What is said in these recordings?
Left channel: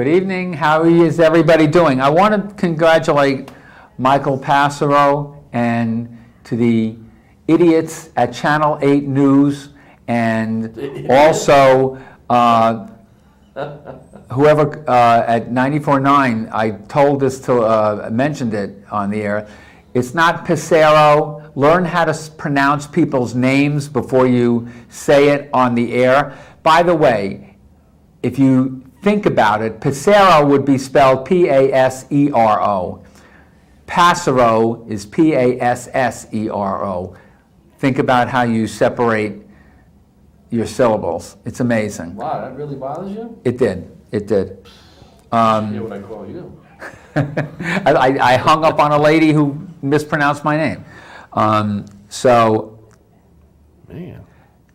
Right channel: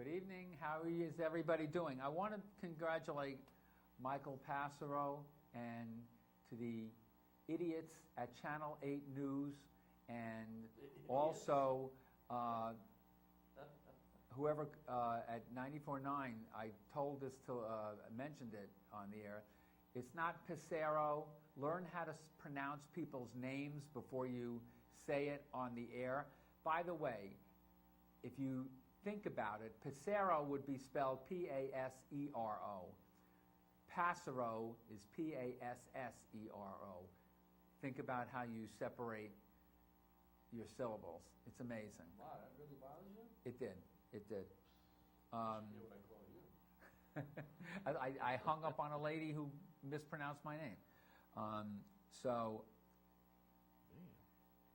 Good evening. How is everybody doing? I want to congratulate Michael Passero and to the idiots at Channel 8 News, and also whoever at 94.9, I told this to, mentioned it on the air. It's not Passero. Learn how to pronounce people's names before you say it on the air. By the way, if you think about it, Passero would be spelled P-A-S-E-R-O. Passero is P-A-S-S-E-R-O. Think about how you separate your syllables. It's amazing. Wow, that really bothers you? It did. It did. Hear what I call you. I hung up on a lady who mispronounced my name. So, Man.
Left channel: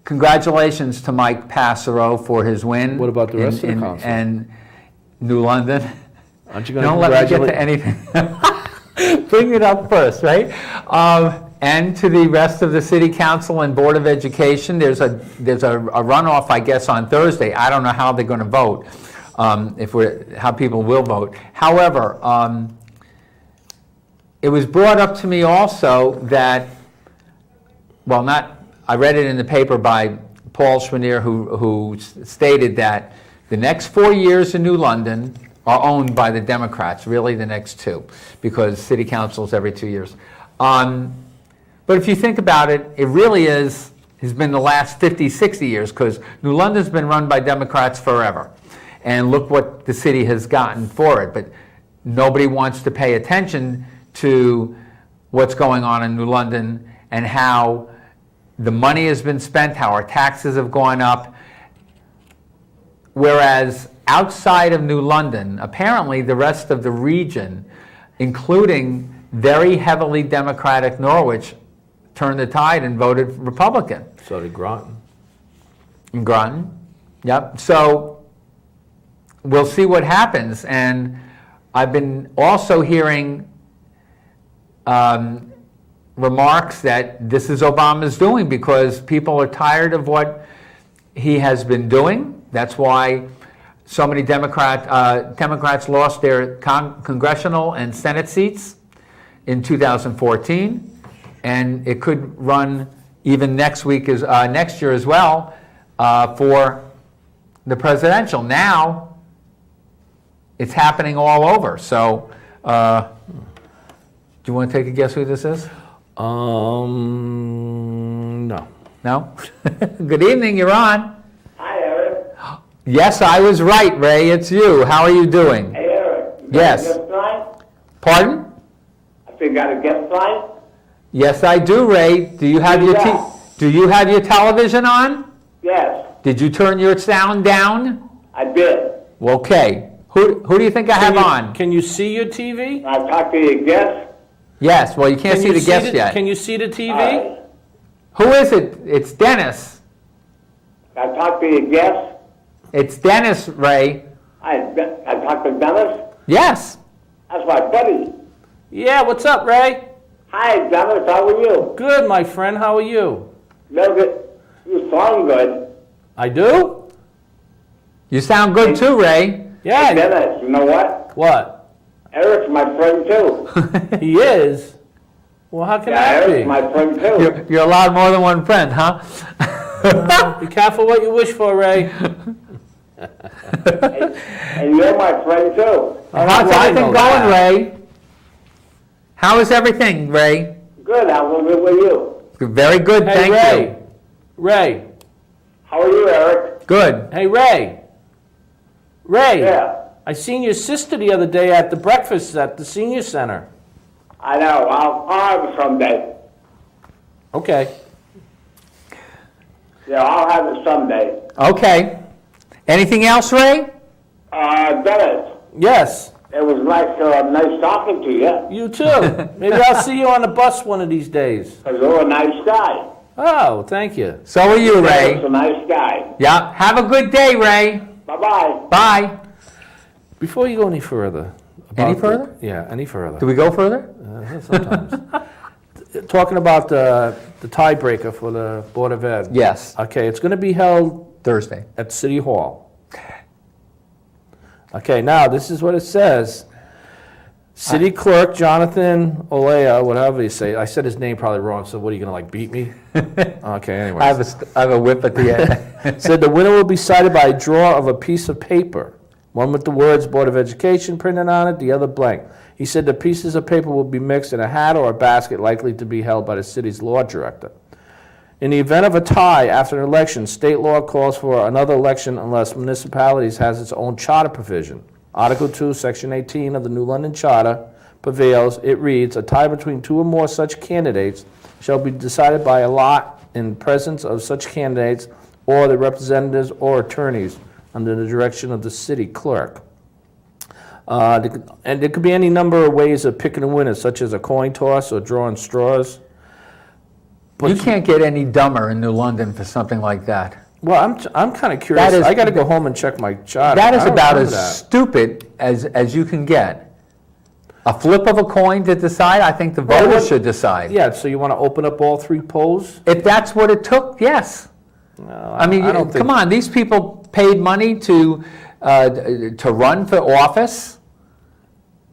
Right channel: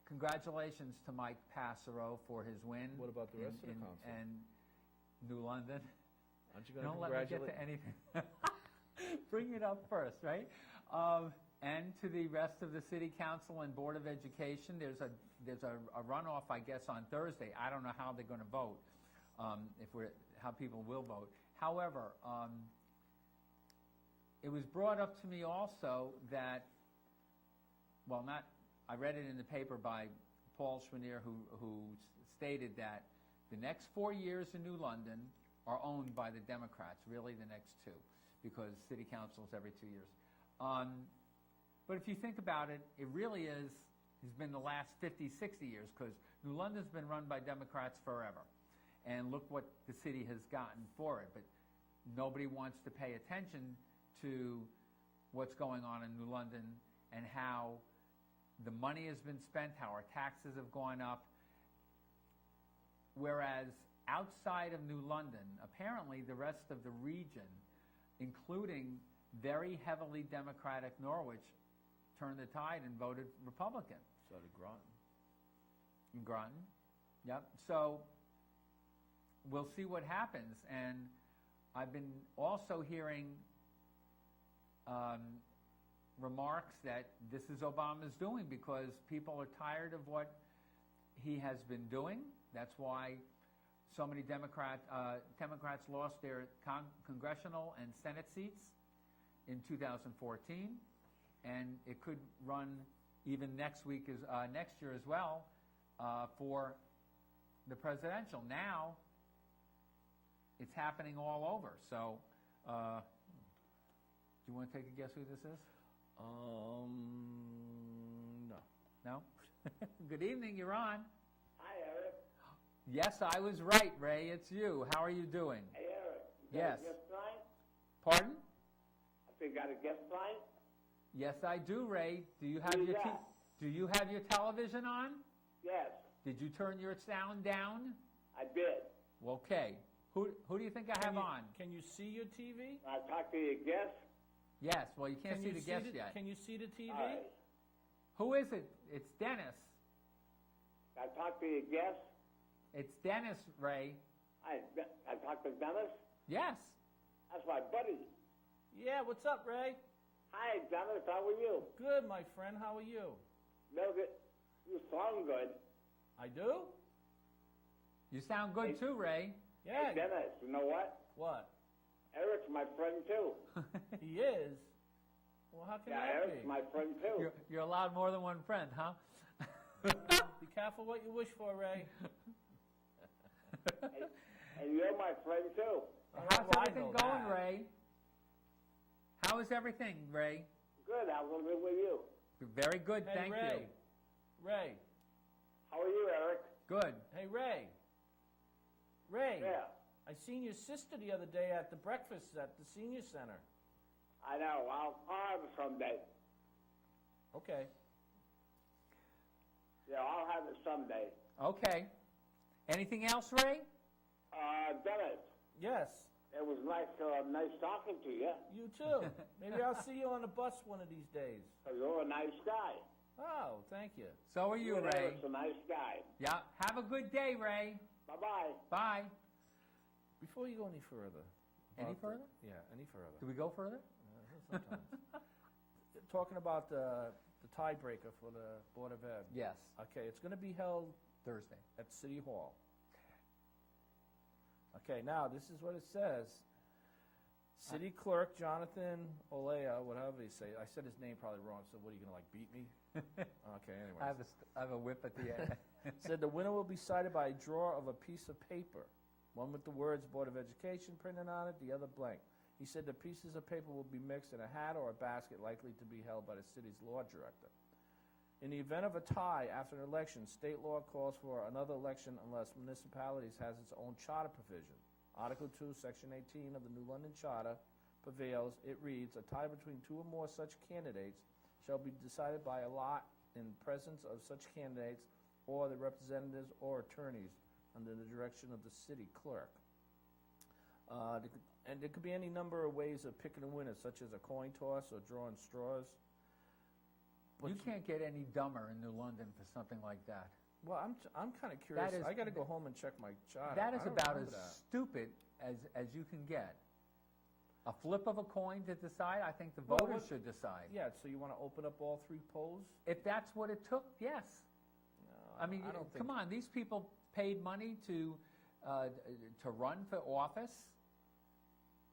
Congratulations to Mike Passero for his win. What about the rest of the council? And New London. Aren't you going to Don't let me get to anything. Bring it up first, right? And to the rest of the City Council and Board of Education. There's a runoff, I guess, on Thursday. I don't know how they're going to vote, how people will vote. However, it was brought up to me also that, I read it in the paper by Paul Schwanier, who stated that the next 4 years in New London are owned by the Democrats, really the next 2, because City Council's every 2 years. But if you think about it, it really has been the last 50, 60 years, because New London's been run by Democrats forever. And look what the city has gotten for it. But nobody wants to pay attention to what's going on in New London and how the money has been spent, how our taxes have gone up. Whereas outside of New London, apparently the rest of the region, including very heavily Democratic Norwich, turned the tide and voted Republican. So did Groton. In Groton, yep. So we'll see what happens. And I've been also hearing remarks that this is Obama's doing because people are tired of what he has been doing. That's why so many Democrats lost their congressional and Senate seats in 2014, and it could run even next year as well for the presidential. Now it's happening all over. So, do you want to take a guess who this is? No. No? Good evening, you're on. Hi, Eric. Yes, I was right, Ray. It's you. How are you doing? Hey, Eric. Yes. Got a guest line? Pardon? I think got a guest line? Yes, I do, Ray. Do you have Do you have your television on? Yes, Did you turn your sound down? I did. Okay. Who do you think I have on? Can you see your TV? I talked to your guest. Yes. Well, you can't see the guest yet. Can you see the TV? Hi. Who is it? It's Dennis. I talked to your guest. It's Dennis, Ray. I talked to Dennis. Yes. That's my buddy. Yeah, what's up, Ray? Hi, Dennis. How are you? Good, my friend. How are you? You sound good. I do? You sound good too, Ray. Yeah. Hey, Dennis, you know what? What? Eric's my friend, too. He is? Well, how can Yeah, that Eric's be? my friend, too. You're allowed more than one friend, huh? Be careful what you wish for, Ray. And you're my friend, too. How's everything going, Ray? How is everything, Ray? Good. How's it with you? Very good, Hey, thank Ray. you. Ray. How are you, Eric? Good. Hey, Ray. Ray. Yeah. I seen your sister the other day at the breakfast at the senior center. I know. I'll have it someday. Okay. Yeah, I'll have it someday. Okay. Anything else, Ray? Dennis, Yes. it was nice talking to you. You too. Maybe I'll see you on the bus one of these days. Because you're a nice guy. Oh, thank you. So are you, Ray. Dennis, a nice guy. Yeah. Have a good day, Ray. Bye-bye. Bye. Before you go any further. Any about further? Yeah, any further. Do we go further? Sometimes. Talking about the tiebreaker for the Board of Ed. Yes. Okay, it's going to be held Thursday. at City Hall. Okay, now, this is what it says. City Clerk Jonathan Olea, whatever you say. I said his name probably wrong, so what, are you going to, like, beat me? Okay, anyway. I have a whip at the end. Said the winner will be cited by a draw of a piece of paper, one with the words Board of Education printed on it, the other blank. He said the pieces of paper will be mixed in a hat or a basket likely to be held by the city's law director. In the event of a tie after an election, state law calls for another election unless municipalities has its own charter provision. Article 2, Section 18 of the New London Charter prevails. It reads, a tie between two or more such candidates shall be decided by a lot in presence of such candidates or the representatives or attorneys under the direction of the city clerk. And there could be any number of ways of picking a winner, such as a coin toss or drawing straws. But You can't get any dumber in New London for something like that. Well, I'm kind of curious. That is- I got to go home and check my charter. That is I don't about remember as that. stupid as you can get. A flip of a coin to decide, I think the voters should decide. Yeah, so you want to open up all three polls? If that's what it took, yes. No, I mean, don't think- come on, these people paid money to run for office.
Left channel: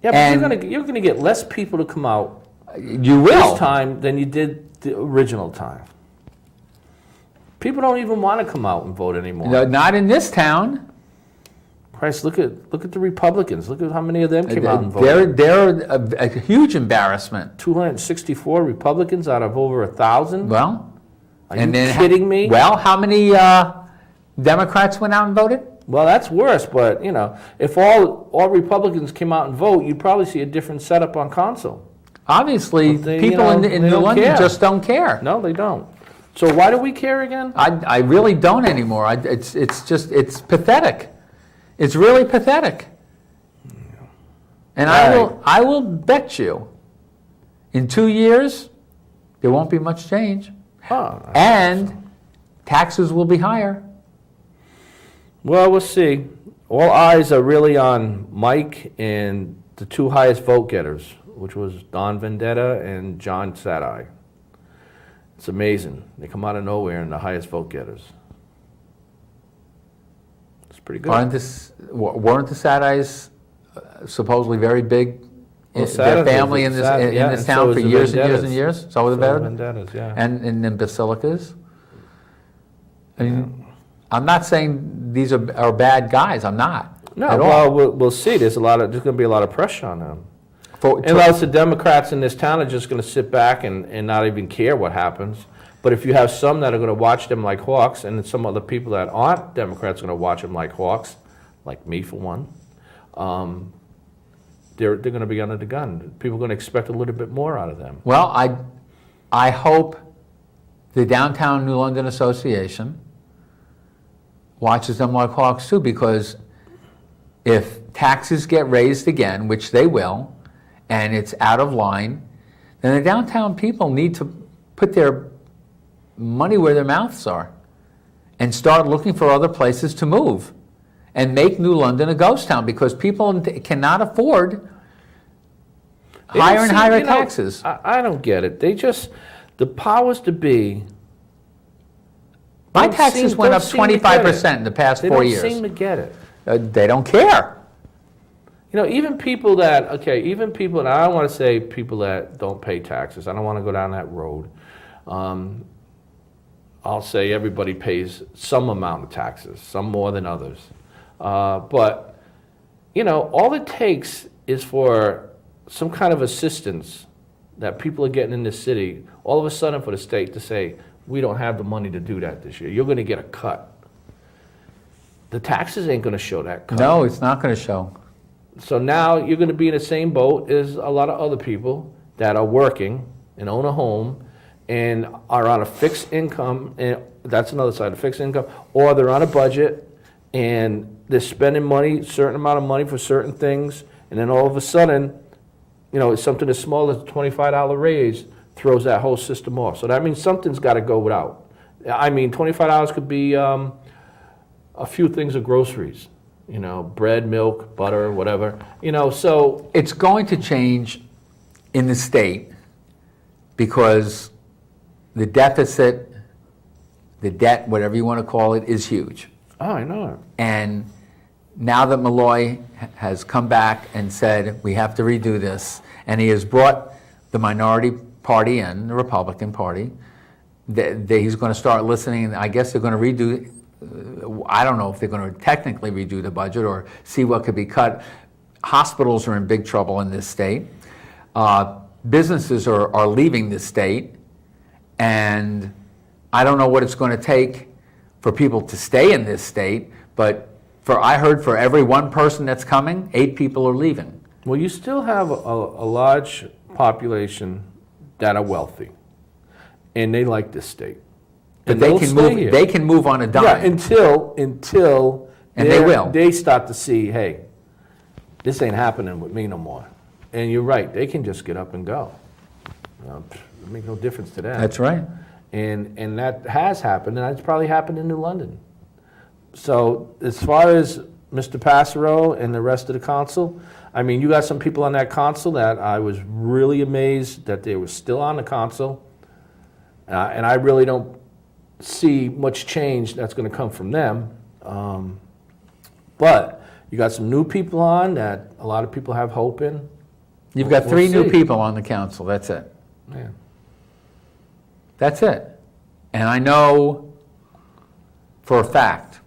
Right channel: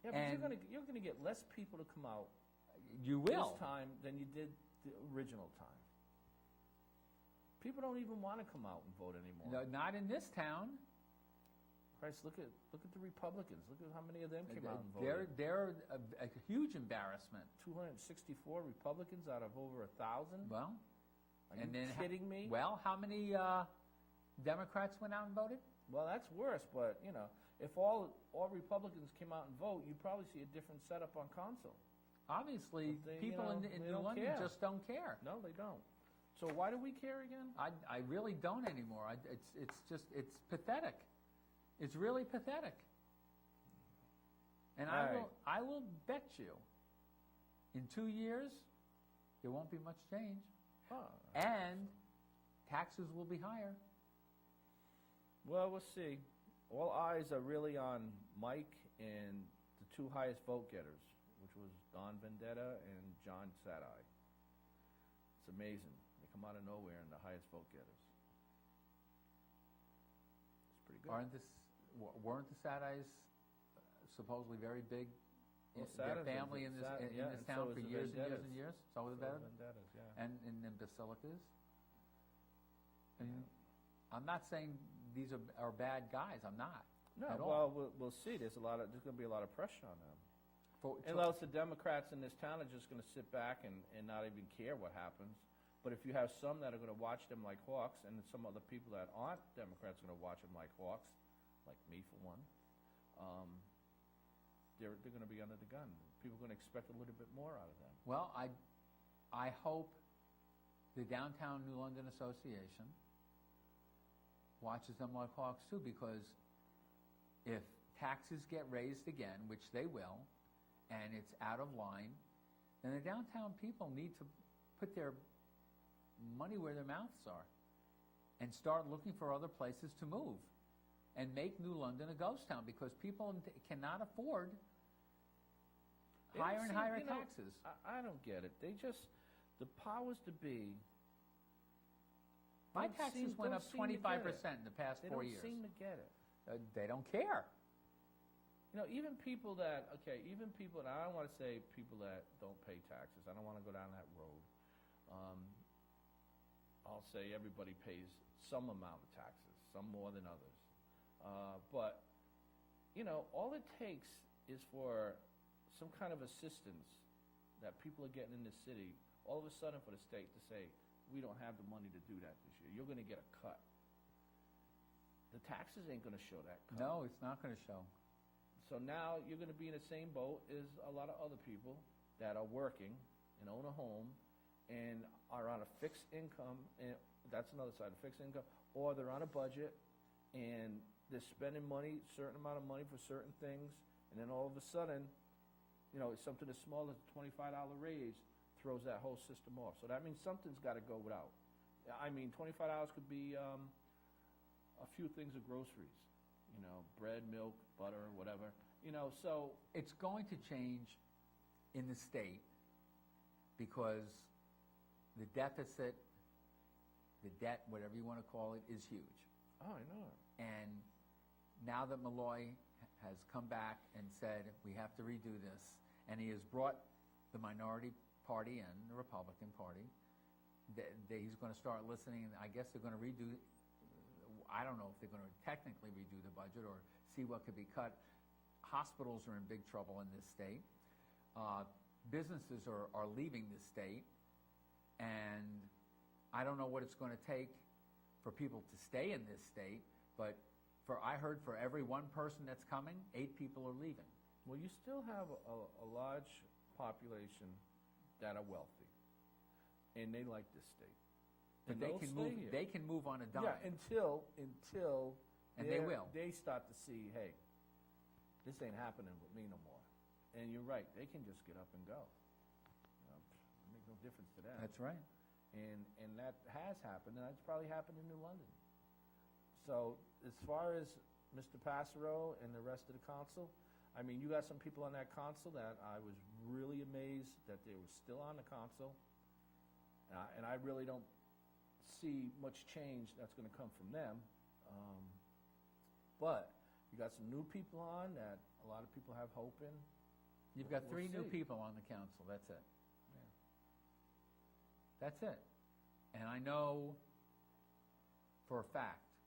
Yeah, and- but you're gonna get less people to come out You will. this time than you did the original time. People don't even want to come out and vote anymore. No, not in this town. Christ, look at the Republicans. Look at how many of them came out and voted. They're a huge embarrassment. 264 Republicans out of over 1,000. Well, Are you kidding me? Well, how many Democrats went out and voted? Well, that's worse, but, you know, if all Republicans came out and vote, you'd probably see a different setup on council. Obviously, But they, people you know, in they New don't London care. just don't care. No, they don't. So why do we care again? I really don't anymore. It's pathetic. It's really pathetic. And I will bet you, in 2 years, there won't be much change, Oh, and taxes will be higher. well, we'll see. All eyes are really on Mike and the two highest vote getters, which was Don Vendetta and John Sadai. It's amazing. They come out of nowhere and the highest vote getters. It's pretty good. Weren't the Sadais supposedly very big? Well, Their Sadais family was in Sad- this yeah, in this and town so for is the years and years Vendettas. and years. So were the So Vendettas. Vendettas, yeah. And in basilicas. I mean, I'm not saying these are bad guys. I'm not. No, at all. well, we'll see. There's going to be a lot of pressure on them. For- Unless the Democrats in this town are just going to sit back and not even care what happens. But if you have some that are going to watch them like hawks, and then some other people that aren't Democrats are going to watch them like hawks, like me for one, they're going to be under the gun. People are going to expect a little bit more out of them. Well, I hope the Downtown New London Association watches them like hawks too, because if taxes get raised again, which they will, and it's out of line, then the downtown people need to put their money where their mouths are and start looking for other places to move and make New London a ghost town, because people cannot afford They don't higher and seem- higher you know, taxes. I don't get it. They just, the powers to be. My don't taxes seem- went don't up seem to get it. 25% in the past They 4 don't years. seem to get it. They don't care. You know, even people that, and I don't want to say people that don't pay taxes. I don't want to go down that road. I'll say everybody pays some amount of taxes, some more than others. But, you know, all it takes is for some kind of assistance that people are getting in this city, all of a sudden for the state to say, we don't have the money to do that this year. You're going to get a cut. The taxes ain't going to show that cut. No, it's not going to show. So now you're going to be in the same boat as a lot of other people that are working and own a home and are on a fixed income, and that's another side, a fixed income, or they're on a budget and they're spending money, a certain amount of money for certain things, and then all of a sudden, you know, it's something as small as a $25 raise throws that whole system off. So that means something's got to go without. I mean, $25 could be a few things of groceries. You know, bread, milk, butter, whatever. You know, so It's going to change in the state because the deficit, the debt, whatever you want to call it, is huge. oh, I know it. And now that Malloy has come back and said, we have to redo this, and he has brought the minority party in, the Republican Party, he's going to start listening. I guess they're going to redo, I don't know if they're going to technically redo the budget or see what could be cut. Hospitals are in big trouble in this state. Businesses are leaving this state, and I don't know what it's going to take for people to stay in this state, but I heard for every one person that's coming, 8 people are leaving. Well, you still have a large population that are wealthy, and they like this state. But And they they'll can stay move. here. They can move on a dime. Yeah, until And they will. they start to see, hey, this ain't happening with me no more. And you're right, they can just get up and go. It makes no difference to them. That's right. And that has happened, and that's probably happened in New London. So as far as Mr. Passero and the rest of the council, I mean, you got some people on that council that I was really amazed that they were still on the council. And I really don't see much change that's going to come from them. But you got some new people on that a lot of people have hope in. You've got We'll 3 new see. people on the council. That's it. Yeah. That's it. And I know for a fact,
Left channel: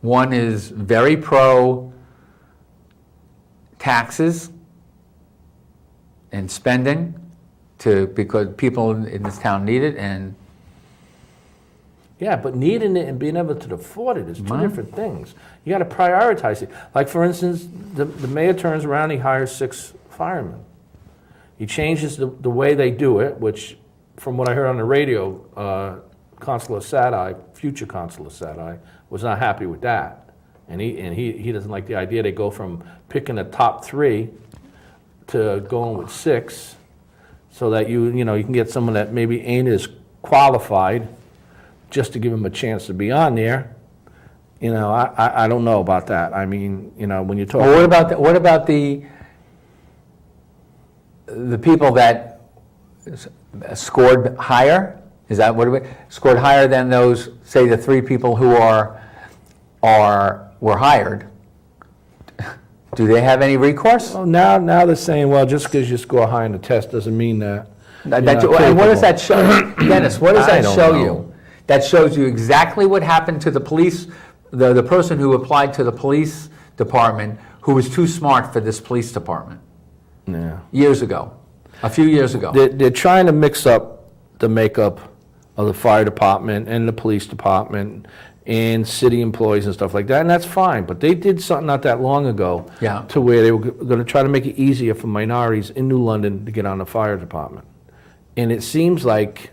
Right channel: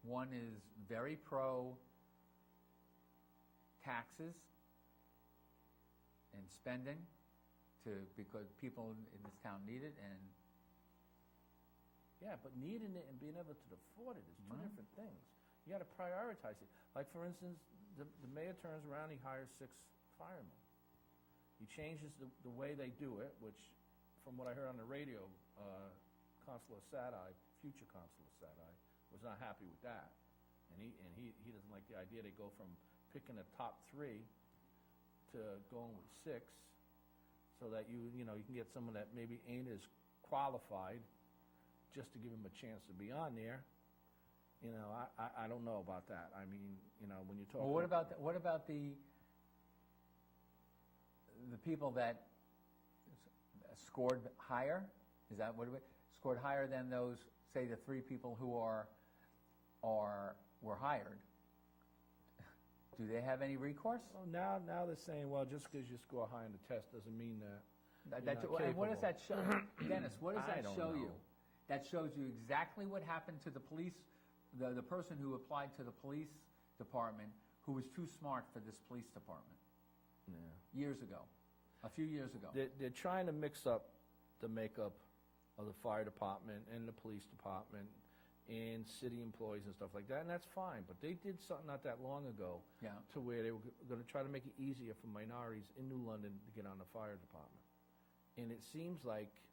one is very pro taxes and spending because people in this town need it, and Yeah, but needing it and being able to afford it is two Wow. different things. You got to prioritize it. Like, for instance, the mayor turns around, he hires 6 firemen. He changes the way they do it, which, from what I heard on the radio, Consular Sadai, future Consular Sadai, was not happy with that. And he doesn't like the idea they go from picking the top 3 to going with 6, so that you can get someone that maybe ain't as qualified, just to give them a chance to be on there. I don't know about that. I mean, when you talk. well, what about the people that scored higher? Is that what scored higher than those, say, the 3 people who were hired? Do they have any recourse? Well, now they're saying, well, just because you score high in the test doesn't mean that. And you're not what does capable. that show, Dennis? What does I that don't show know. you? That shows you exactly what happened to the police, the person who applied to the police department, who was too smart for this police department Yeah. years ago, a few years ago. They're trying to mix up the makeup of the fire department and the police department and city employees and stuff like that, and that's fine. But they did something not that long ago Yeah. to where they were going to try to make it easier for minorities in New London to get on the fire department. And it seems like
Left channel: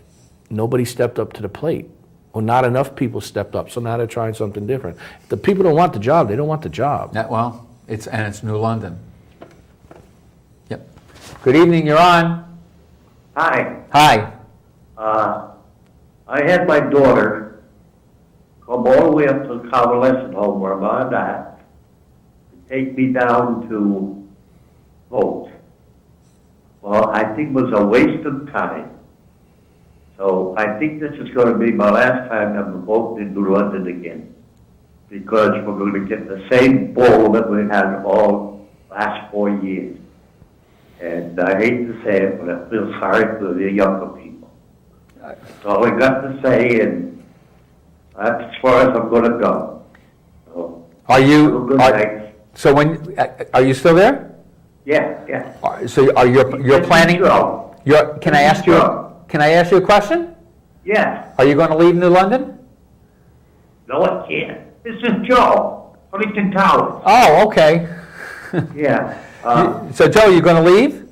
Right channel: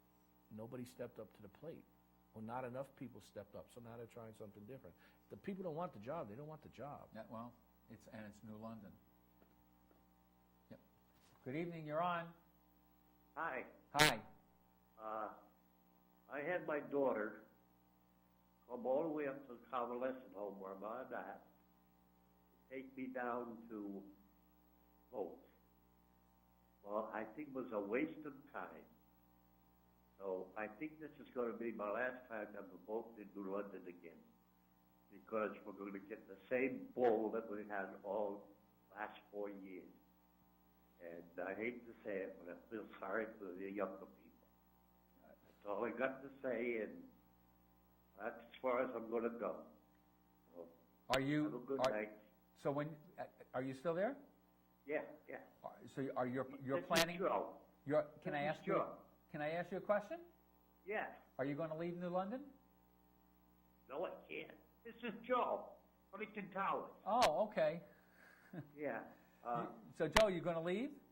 nobody stepped up to the plate, or not enough people stepped up, so now they're trying something different. If the people don't want the job, they don't want the job. It's New London. Yep. Good evening, you're on. Hi. Hi. I had my daughter come all the way up to the convalescent home where I'm on that to take me down to vote. Well, I think it was a waste of time. So I think this is going to be my last time I'm voting in New London again, because we're going to get the same bull that we had all last 4 years. And I hate to say it, but I feel sorry for the younger people. That's all I got to say, and that's as far as I'm going to go. So, Are have a you, good night. so are you still there? Yeah. So you're planning, Joe. can I ask you, Joe. can I ask you a question? Yes. Are you going to leave New London? No, I can't. This is Joe, Huntington Towers. Oh, okay. Yeah. So Joe, you going to leave?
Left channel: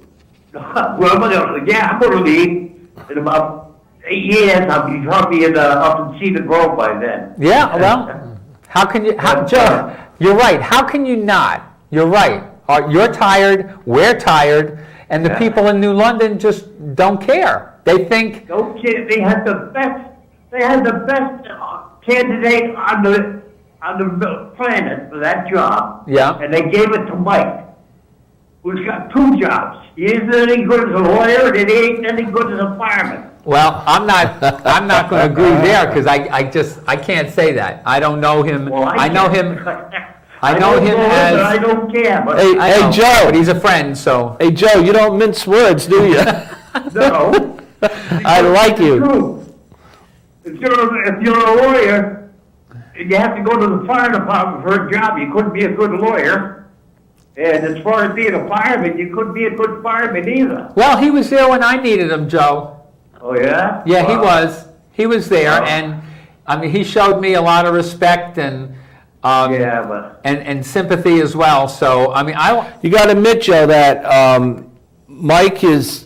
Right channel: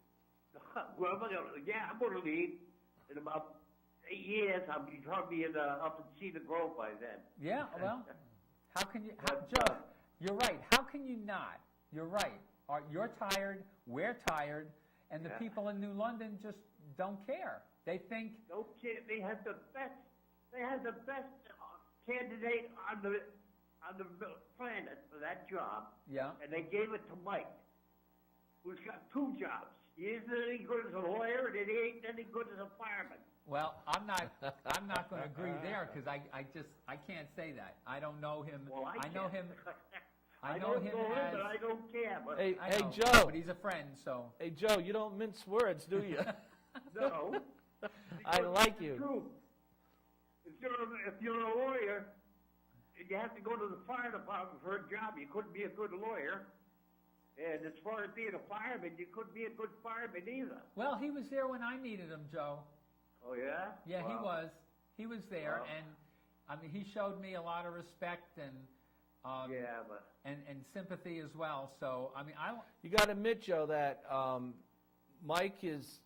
Well, I'm going to leave. In about 8 years, I'll be probably up in Cedar Grove by then. Yeah, well, how can you, Joe, you're right, how can you not? You're right. You're tired, we're tired, and the Yeah. people in New London just don't care. They think, Don't kid, they had the best candidate on the planet for that job. Yeah. And they gave it to Mike, who's got 2 jobs. He isn't any good as a lawyer, and he ain't any good as a fireman. well, I'm not going to agree there, because I can't say that. I don't know him, Well, I know can't. him, I know him but I as, don't care, but Hey, I know, Joe. but he's a friend, so. Hey, Joe, you don't mince words, do you? no. I like you. True. If you're a lawyer, and you have to go to the fire department for a job, you couldn't be a good lawyer. And as far as being a fireman, you couldn't be a good fireman either. Well, he was there when I needed him, Joe. Oh, yeah? Yeah, he Wow. was. He was there, Wow. and, I mean, he showed me a lot of respect and, Yeah, but and sympathy as well, so, I mean, You got to admit, Joe, that Mike is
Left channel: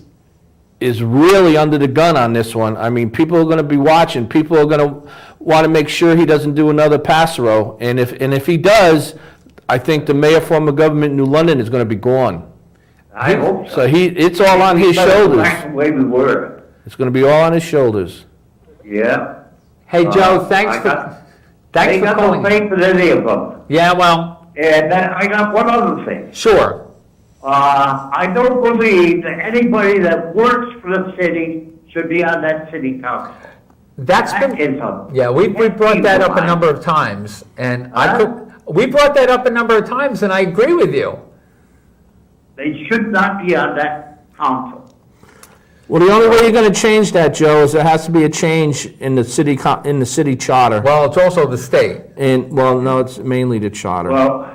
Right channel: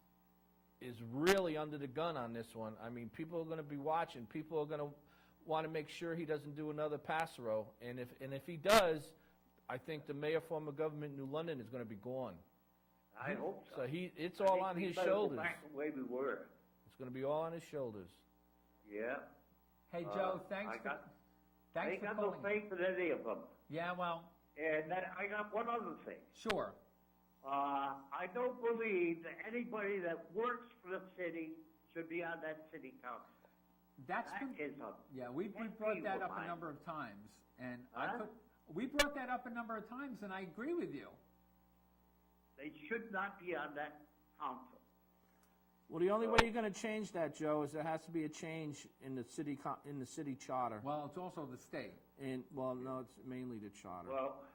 really under the gun on this one. I mean, people are going to be watching. People are going to want to make sure he doesn't do another Passero, and if he does, I think the mayor form of government in New London is going to be gone. I hope so. So it's all on his Better go shoulders. back the way we were. It's going to be all on his shoulders. Yeah. hey, Joe, thanks I for ain't got no calling. faith in any of them. Yeah, well, And I got one other thing. sure. I don't believe that anybody that works for the city should be on that city council. That's That been, is a yeah, we brought that up a number of times, and we brought that up a number of times, and I agree with you. They should not be on that council. Well, the only way you're going to change that, Joe, is there has to be a change in the city charter. Well, it's also the state. And, well, no, it's mainly the charter. Well,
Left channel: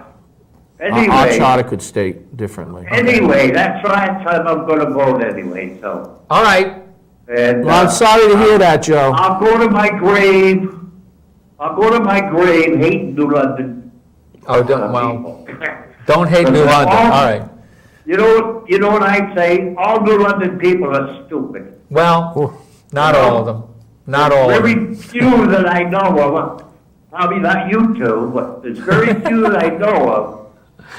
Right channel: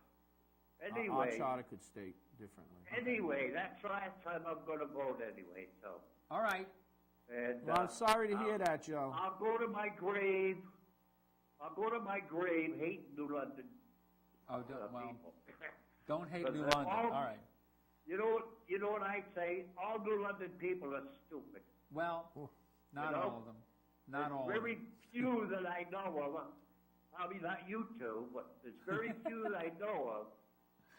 Our anyway, charter could state differently. that's right, time I'm gonna vote anyway, so. All right, And, Well, I'm sorry to hear that, Joe. I'll go to my grave hating New London. oh, people. don't hate New London, all right. You know what I say? All New London people are stupid. Well, not all of them, not all of them. Very few that I know of, probably not you two, but there's very few that I know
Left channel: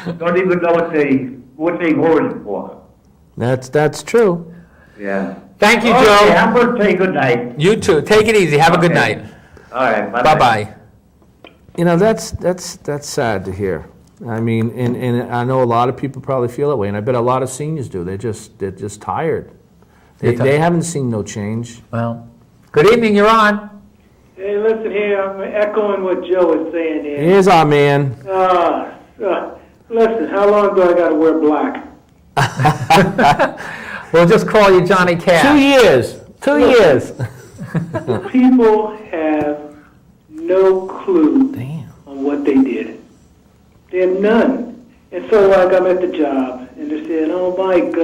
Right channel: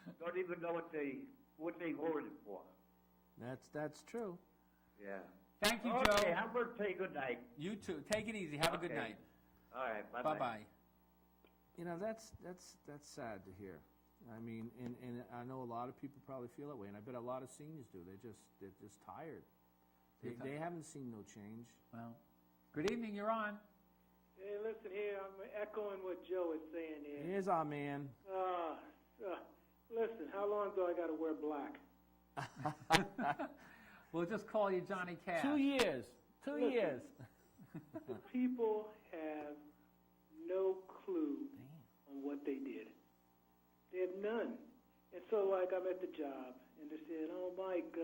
of, don't even know what they voted for. That's true. Yeah. Thank you, Okay, Joe. I'm gonna say good night. You too, take it easy, have a good Okay. night. All right, bye-bye. Bye-bye. You know, that's sad to hear. I mean, and I know a lot of people probably feel that way, and I bet a lot of seniors do. They're just tired. They haven't seen no change. Well, good evening, you're on. Hey, listen here, I'm echoing what Joe is saying here. Here's our man. Listen, how long do I gotta wear black? We'll just call you Johnny 2 Cash. years. 2 years. People have no clue Damn. on what they did. They have none. And so, like, I'm at the job, and they're saying, oh, Mike,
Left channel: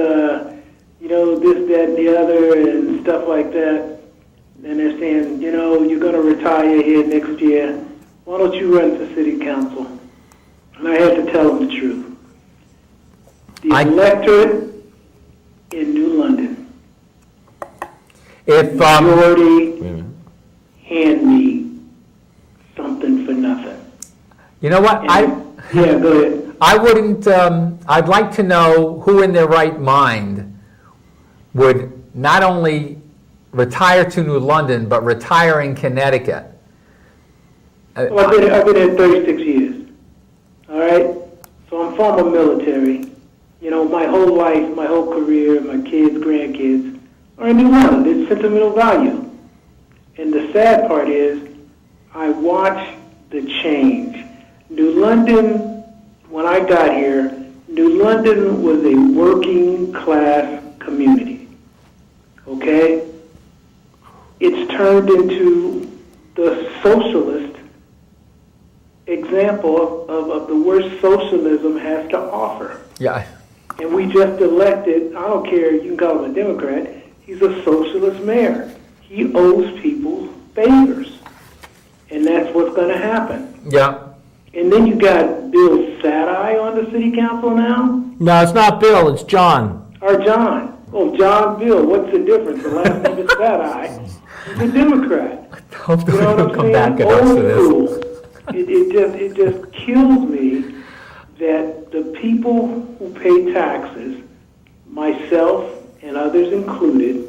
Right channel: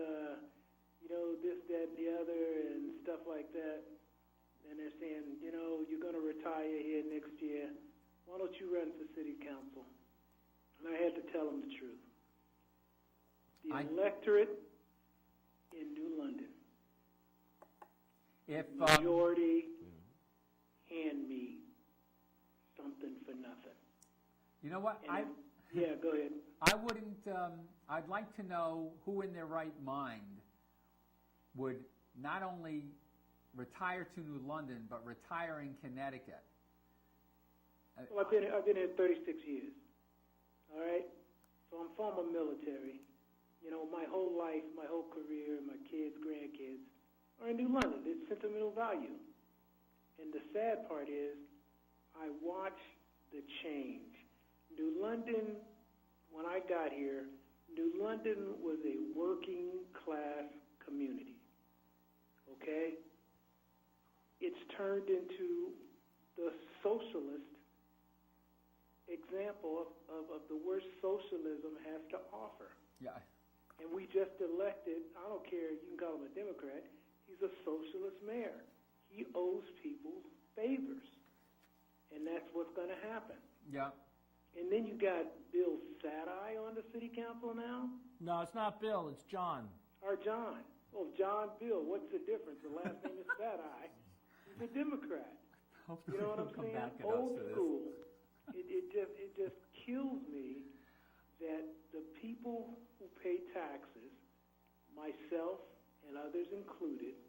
you know, this, that, and the other, and stuff like that. And they're saying, you know, you're going to retire here next year. Why don't you run for city council? And I had to tell them the truth. The electorate in New London, If, majority hand me something for nothing. you know what, Yeah, go ahead. I wouldn't, I'd like to know who in their right mind would not only retire to New London, but retire in Connecticut. Well, I've been here 36 years, all right? So I'm former military. You know, my whole life, my whole career, my kids, grandkids are in New London. There's sentimental value. And the sad part is I watch the change. New London, when I got here, New London was a working class community, okay? It's turned into the socialist example of the worst socialism has to offer. Yeah, And we just elected, I don't care, you can call him a Democrat, he's a socialist mayor. He owes people favors. And that's what's going to happen. yeah. And then you got Bill Sadeye on the city council now, No, it's not Bill, it's John. or John. Oh, John Bill, what's the difference? The last name is Sadeye. He's a Democrat. Hope You know what they'll I'm come saying? back at us Old for this. school. It just kills me that the people who pay taxes, myself and others included,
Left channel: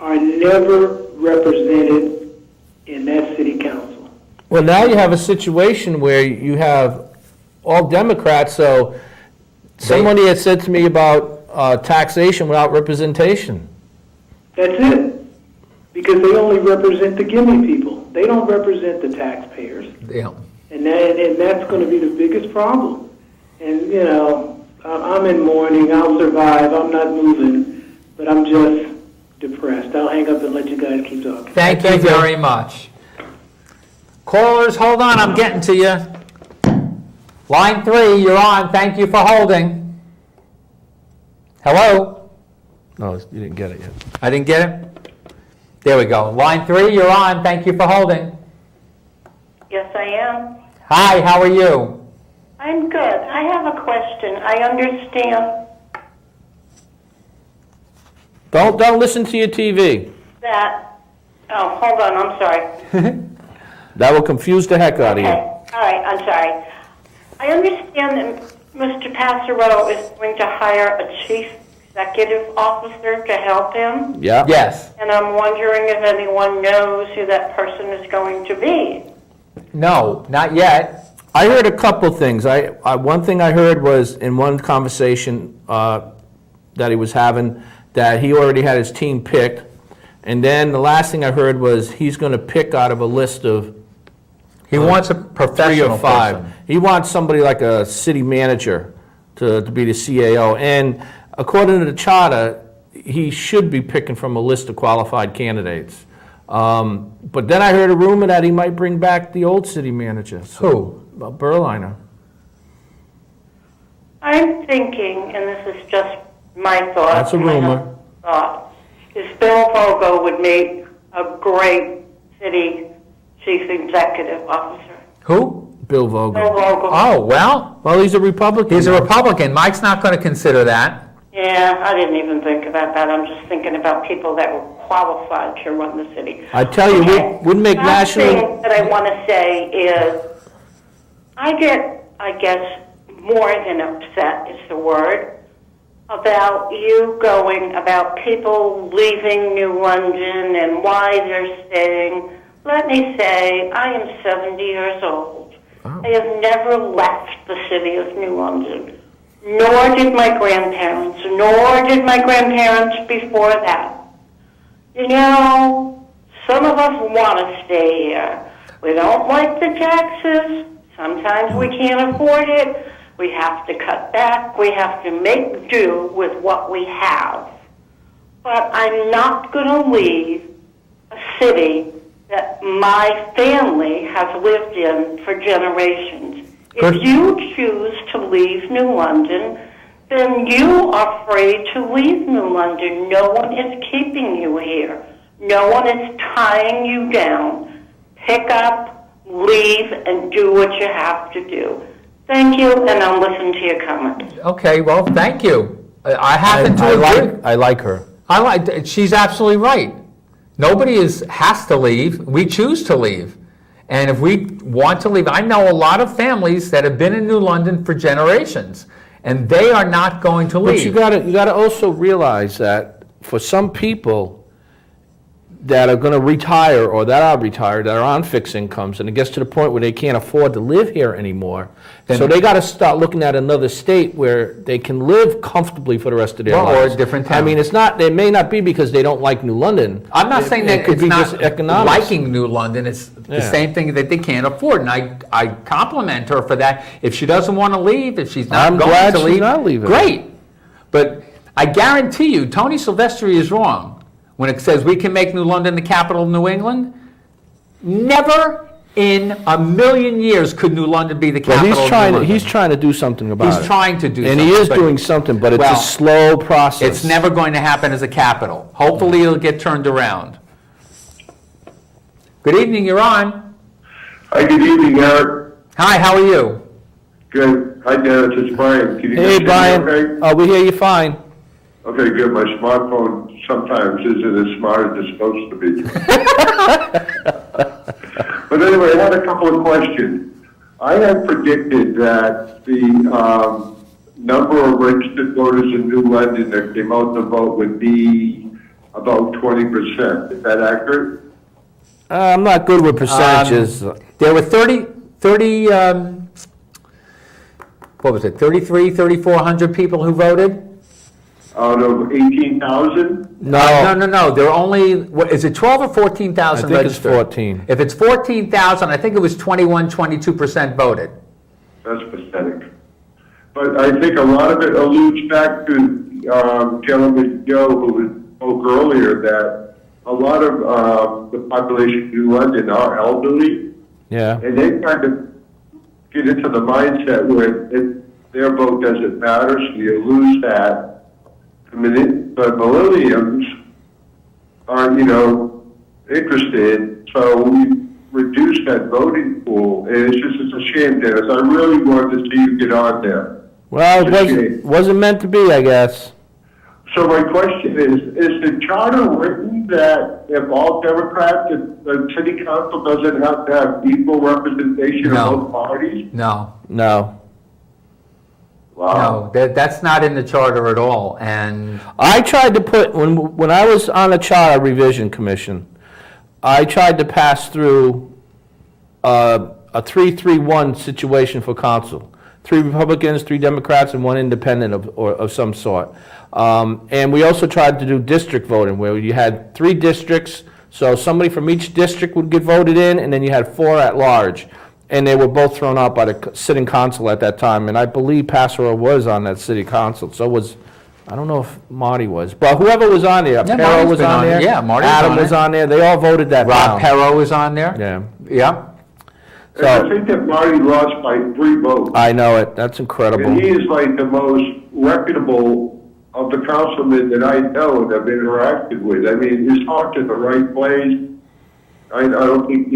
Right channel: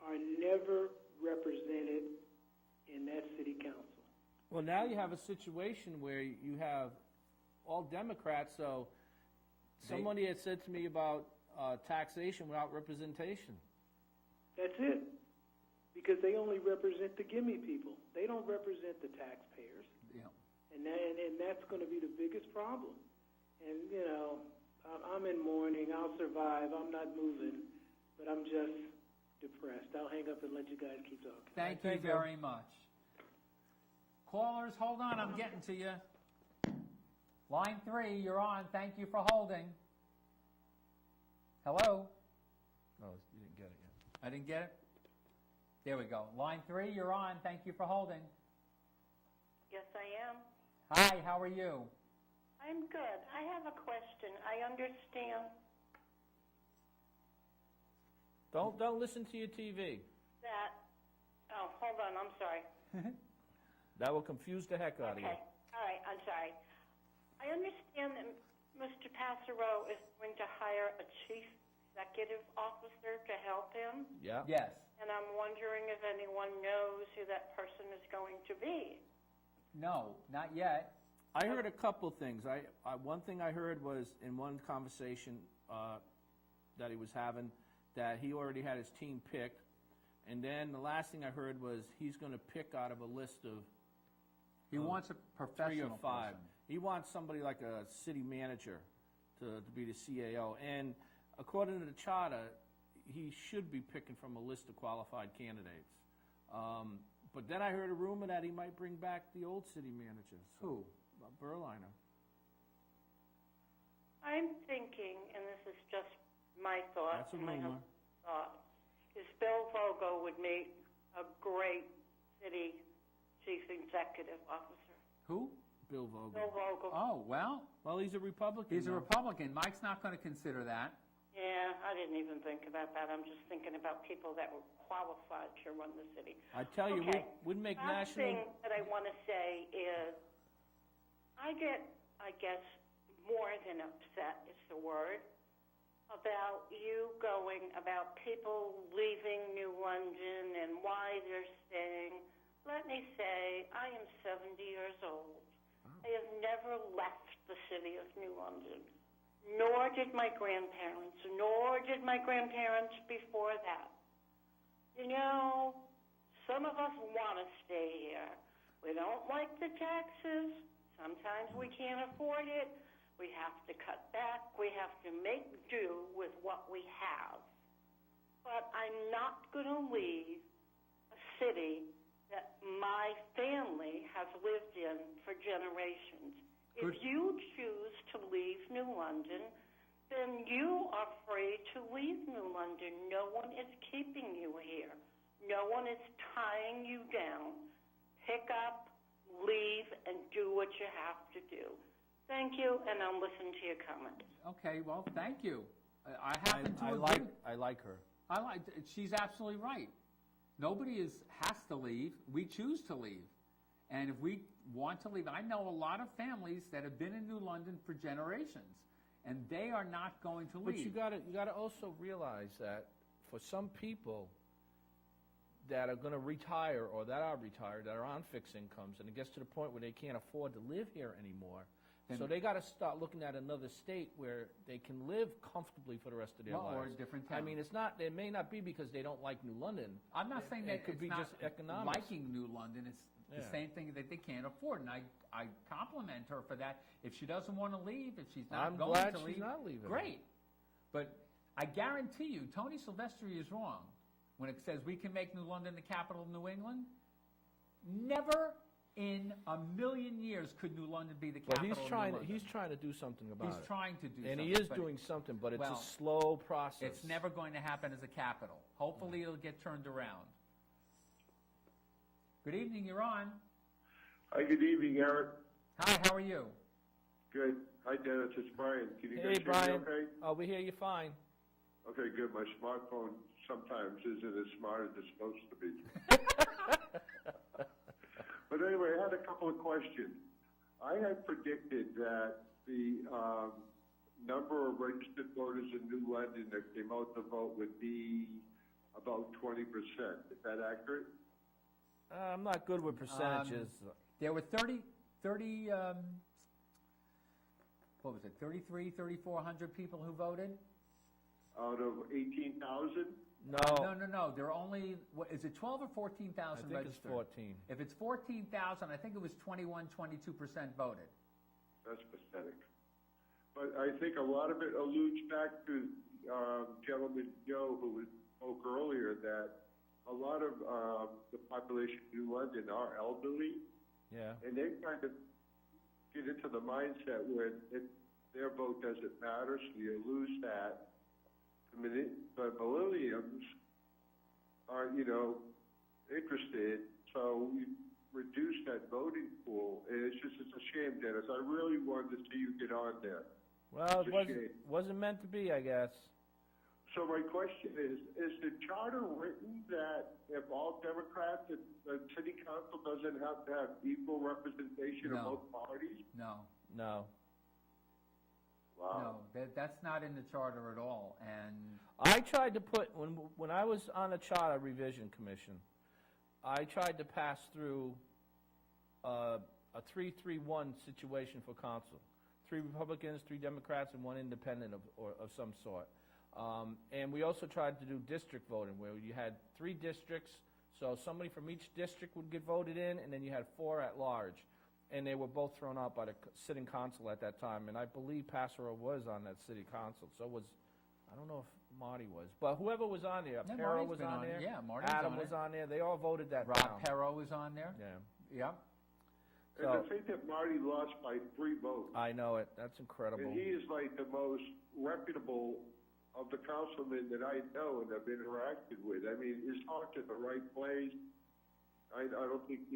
are never represented in that city council. Well, now you have a situation where you have all Democrats, so somebody had said to me about taxation without representation. That's it. Because they only represent the gimme people. They don't represent the taxpayers. Yeah. And that's going to be the biggest problem. And, you know, I'm in mourning. I'll survive. I'm not moving. But I'm just depressed. I'll hang up and let you guys keep talking. Thank you very much. Callers, hold on, I'm getting to you. Line 3, you're on. Thank you for holding. Hello? No, you didn't get it yet. I didn't get it? There we go. Line 3, you're on. Thank you for holding. Yes, I am. Hi, how are you? I'm good. I have a question. I understand Don't listen to your TV. that. Oh, hold on. I'm sorry. That will confuse the heck out of Okay. you. All right. I'm sorry. I understand that Mr. Passero is going to hire a chief executive officer to help him. Yeah? Yes. And I'm wondering if anyone knows who that person is going to be. No, not yet. I heard a couple things. One thing I heard was in one conversation that he was having that he already had his team picked. And then the last thing I heard was he's going to pick out of a list of He wants a 3 professional or 5. person. He wants somebody like a city manager to be the CAO. And according to the charter, he should be picking from a list of qualified candidates. But then I heard a rumor that he might bring back the old city manager. Who? Berliner. I'm thinking, and this is just my thought. That's a rumor. Thought, is Bill Vogel would make a great city chief executive officer. Who? Bill Bill Vogel. Vogel. Oh, well, Well, he's a Republican. he's a Republican. Mike's not going to consider that. Yeah, I didn't even think about that. I'm just thinking about people that were qualified to run the city. I tell you, Okay. wouldn't make Last national. thing that I want to say is, I get, I guess, more than upset is the word, about you going about people leaving New London and why they're staying. Let me say, I am 70 years old. I have never left the city of New London, nor did my grandparents, nor did my grandparents before that. You know, some of us want to stay here. We don't like the taxes. Sometimes we can't afford it. We have to cut back. We have to make do with what we have. But I'm not going to leave a city that my family has lived in for generations. Good. If you choose to leave New London, then you are free to leave New London. No one is keeping you here. No one is tying you down. Pick up, leave, and do what you have to do. Thank you, and I'll listen to your comments. Okay, well, thank you. I happen to agree. I like her. She's absolutely right. Nobody has to leave. We choose to leave. And if we want to leave, I know a lot of families that have been in New London for generations, and they are not going to leave. But you gotta also realize that for some people that are gonna retire or that are retired, that are on fixed incomes, and it gets to the point where they can't afford to live here anymore, so they gotta start looking at another state where they can live comfortably for the rest of their Well, or lives. a different I town. mean, it may not be because they don't like New London. I'm not saying that It could it's be not just economics. liking New London. It's the Yeah. same thing that they can't afford. And I compliment her for that. If she doesn't want to leave, if she's not I'm going glad to she's leave, not leaving. great. But I guarantee you, Tony Silvestri is wrong when it says we can make New London the capital of New England. Never in a million years could New London be the Well, capital of New London. he's trying to do something about it. He's trying to do And something. he is but doing something, but it's Well, a slow process. It's never going to happen as a capital. Hopefully it'll get turned around. Good evening, you're on. Hi, good evening, Eric. Hi, how are you? Good. Hi, Dennis. It's Brian. Can you Hey, hear me Brian. okay? We hear you fine. Okay, good. My smartphone sometimes isn't as smart as it's supposed to be. But anyway, I had a couple of questions. I had predicted that the number of registered voters in New London that came out to vote would be about 20%. Is that accurate? I'm not good with percentages. There were 33, 3,400 people who voted. out of 18,000? No. There are only, is it 12 or 14,000 I think it's registered? 14. If it's 14,000, I think it was 22% voted. That's pathetic. But I think a lot of it alludes back to Gentleman Joe, who spoke earlier, that a lot of the population of New London are elderly, Yeah. and they kind of get into the mindset where their vote doesn't matter, so you lose that. The millenniums aren't, interested, so we reduce that voting pool, and it's a shame, Dennis. I really wanted to see you get on there. Well, It's a it shame. wasn't meant to be, I guess. So my question is the charter written that if all Democrats, if the city council doesn't have to have equal representation No. of both parties? No. No. Wow. No, that's not in the charter at all, and I tried to put, when I was on the Charter Revision Commission, I tried to pass through a 3-3-1 situation for council. 3 Republicans, 3 Democrats, and 1 independent of some sort. And we also tried to do district voting, where you had 3 districts, so somebody from each district would get voted in, and then you had 4 at large. And they were both thrown out by the sitting council at that time, and I believe Passero was on that city council, so was, I don't know if Marty was, but whoever was on there, Yeah, Perro Marty's was been on on it. there. Yeah, Marty's Adam on was it. on there, they all voted that Rob down. Perro is on there. Yeah, Yeah. And I think that Marty lost by 3 votes. I know it, that's And incredible. he is like the most reputable of the councilmen that I know and have interacted with. I mean, he's talked in the right place. I don't think,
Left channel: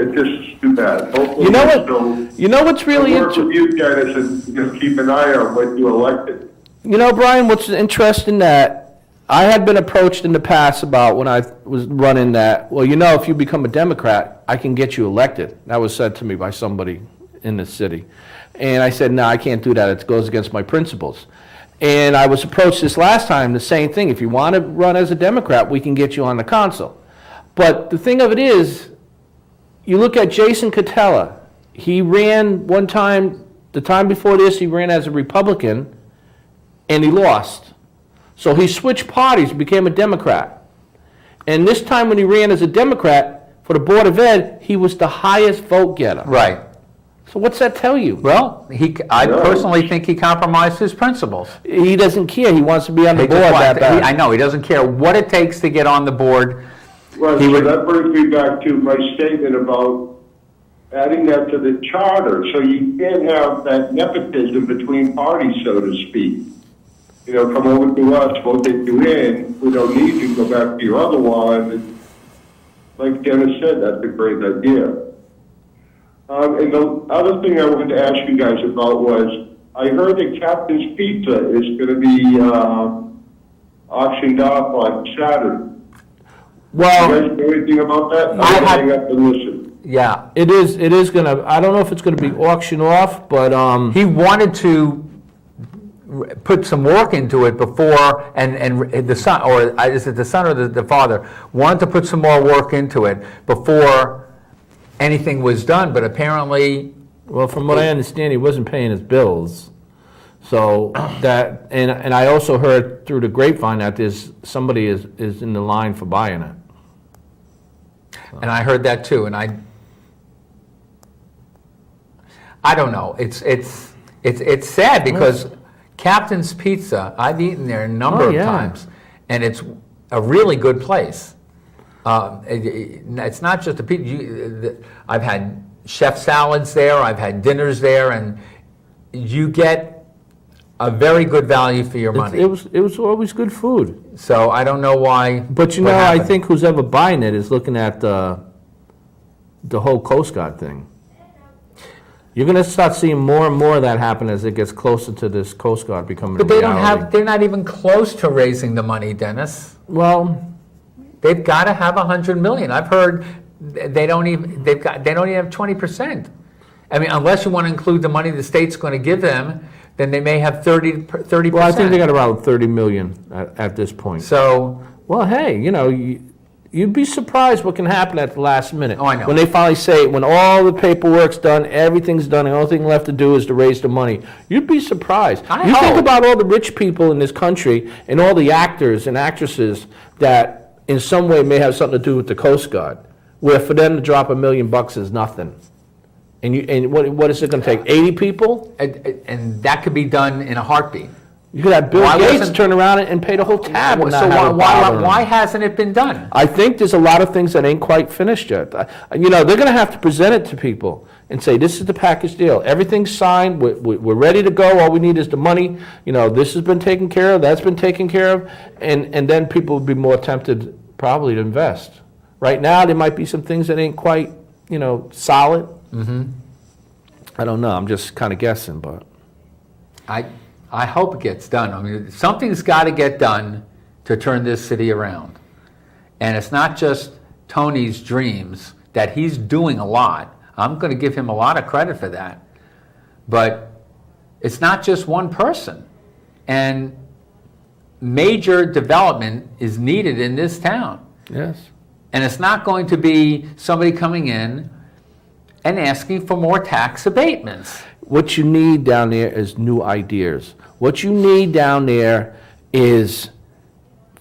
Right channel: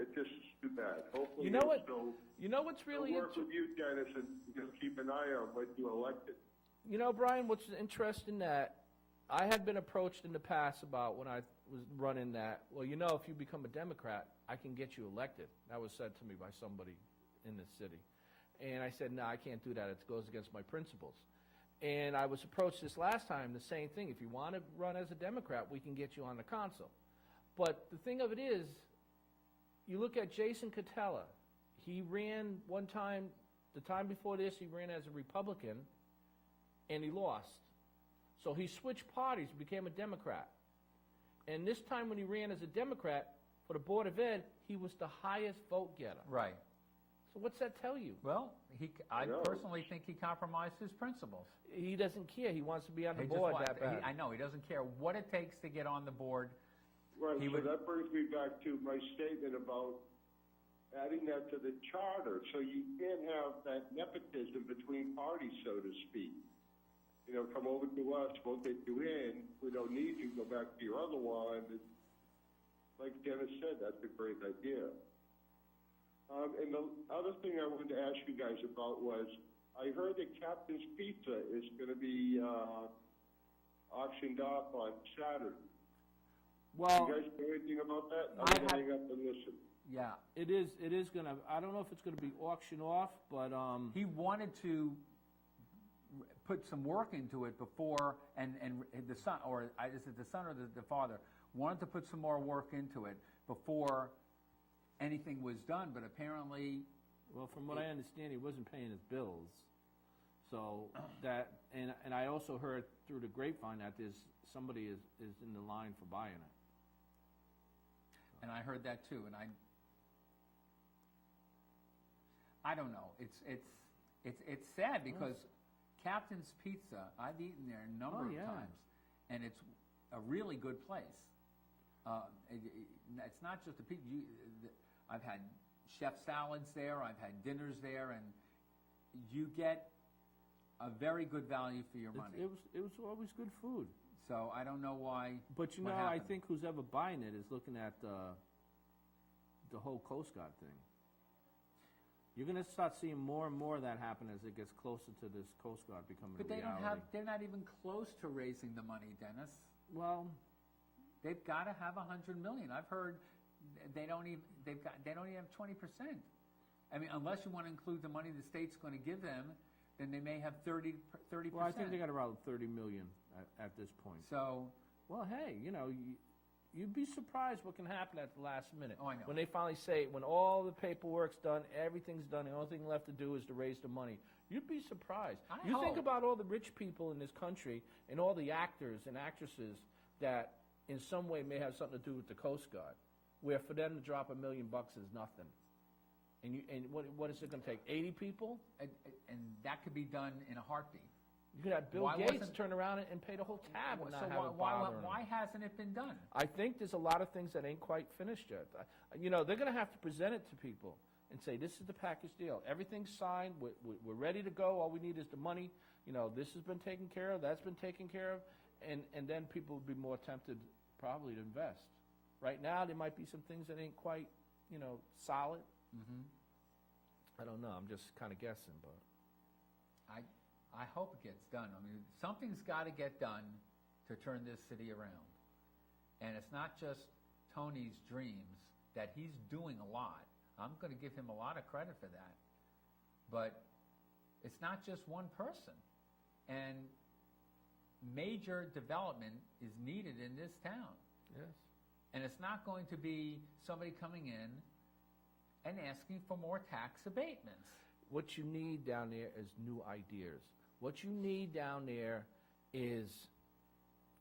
it's just too bad. Hopefully You know he'll what, still you know what's really work interesting? with you, Dennis, and just keep an eye on what you elected. You know, Brian, what's interesting that I had been approached in the past about when I was running that, well, if you become a Democrat, I can get you elected. That was said to me by somebody in the city. And I said, no, I can't do that. It goes against my principles. And I was approached this last time, the same thing. If you want to run as a Democrat, we can get you on the council. But the thing of it is, you look at Jason Catella. He ran one time, the time before this, he ran as a Republican, and he lost. So he switched parties, became a Democrat. And this time when he ran as a Democrat for the Board of Ed, he was the highest vote getter. Right. So what's that tell you? Well, I personally think he compromised his principles. He doesn't care. He wants to be on the He board just that bad. I know, he doesn't care what it takes to get on the board. Well, He so would- that brings me back to my statement about adding that to the charter, so you can't have that nepotism between parties, so to speak. Come over to us, vote you in, we don't need you, go back to your other one. And like Dennis said, that's a great idea. And the other thing I wanted to ask you guys about was, I heard that Captain's Pizza is going to be auctioned off on Saturday. Well, You guys know anything about that? I I'm had- hang up and listen. Yeah. it is gonna, I don't know if it's gonna be auctioned off, but, He wanted to put some work into it before, and the son, or is it the son or the father, wanted to put some more work into it before anything was done, but apparently, well, from what I understand, he wasn't paying his bills. So that, and I also heard through the grapevine that somebody is in the line for buying it. and I heard that too, and I don't know, it's sad because Captain's Pizza, I've eaten there a number Oh, of yeah. times, and it's a really good place. It's not just a pizza. I've had chef salads there, I've had dinners there, and you get a very good value for your money. It was always good food. So I don't know why. But what I happened. think who's ever buying it is looking at the whole Coast Guard thing. You're gonna start seeing more and more of that happen as it gets closer to this Coast Guard becoming a But they reality. they're not even close to raising the money, Dennis. Well, They've got to have 100 million. I've heard they don't even have 20%. I mean, unless you want to include the money the state's going to give them, then they may have 30%. well, I think they got around 30 million at this point. So, Well, hey, You'd be surprised what can happen at the last minute. Oh, I know. When they finally say, when all the paperwork's done, everything's done, the only thing left to do is to raise the money. You'd be surprised. You think about all the rich people in this country and all the actors and actresses that in some way may have something to do with the Coast Guard, where for them to drop $1 million is nothing. And what is it going to take, 80 people? And that could be done in a heartbeat. You could have Bill Gates turn around and pay the whole tab. And So not why hasn't it been done? I think there's a lot of things that ain't quite finished yet. You know, they're going to have to present it to people and say, this is the package deal. Everything's signed. We're ready to go. All we need is the money. You know, this has been taken care of. That's been taken care of. And then people will be more tempted probably to invest. Right now, there might be some things that ain't quite, you know, solid. Mm-hmm. I don't know. I'm just kind of guessing, but. I hope it gets done. I mean, something's got to get done to turn this city around. And it's not just Tony's dreams, that he's doing a lot. I'm going to give him a lot of credit for that. But it's not just one person. And major development is needed in this town. Yes. And it's not going to be somebody coming in and asking for more tax abatements. What you need down there is new ideas. What you need down there is,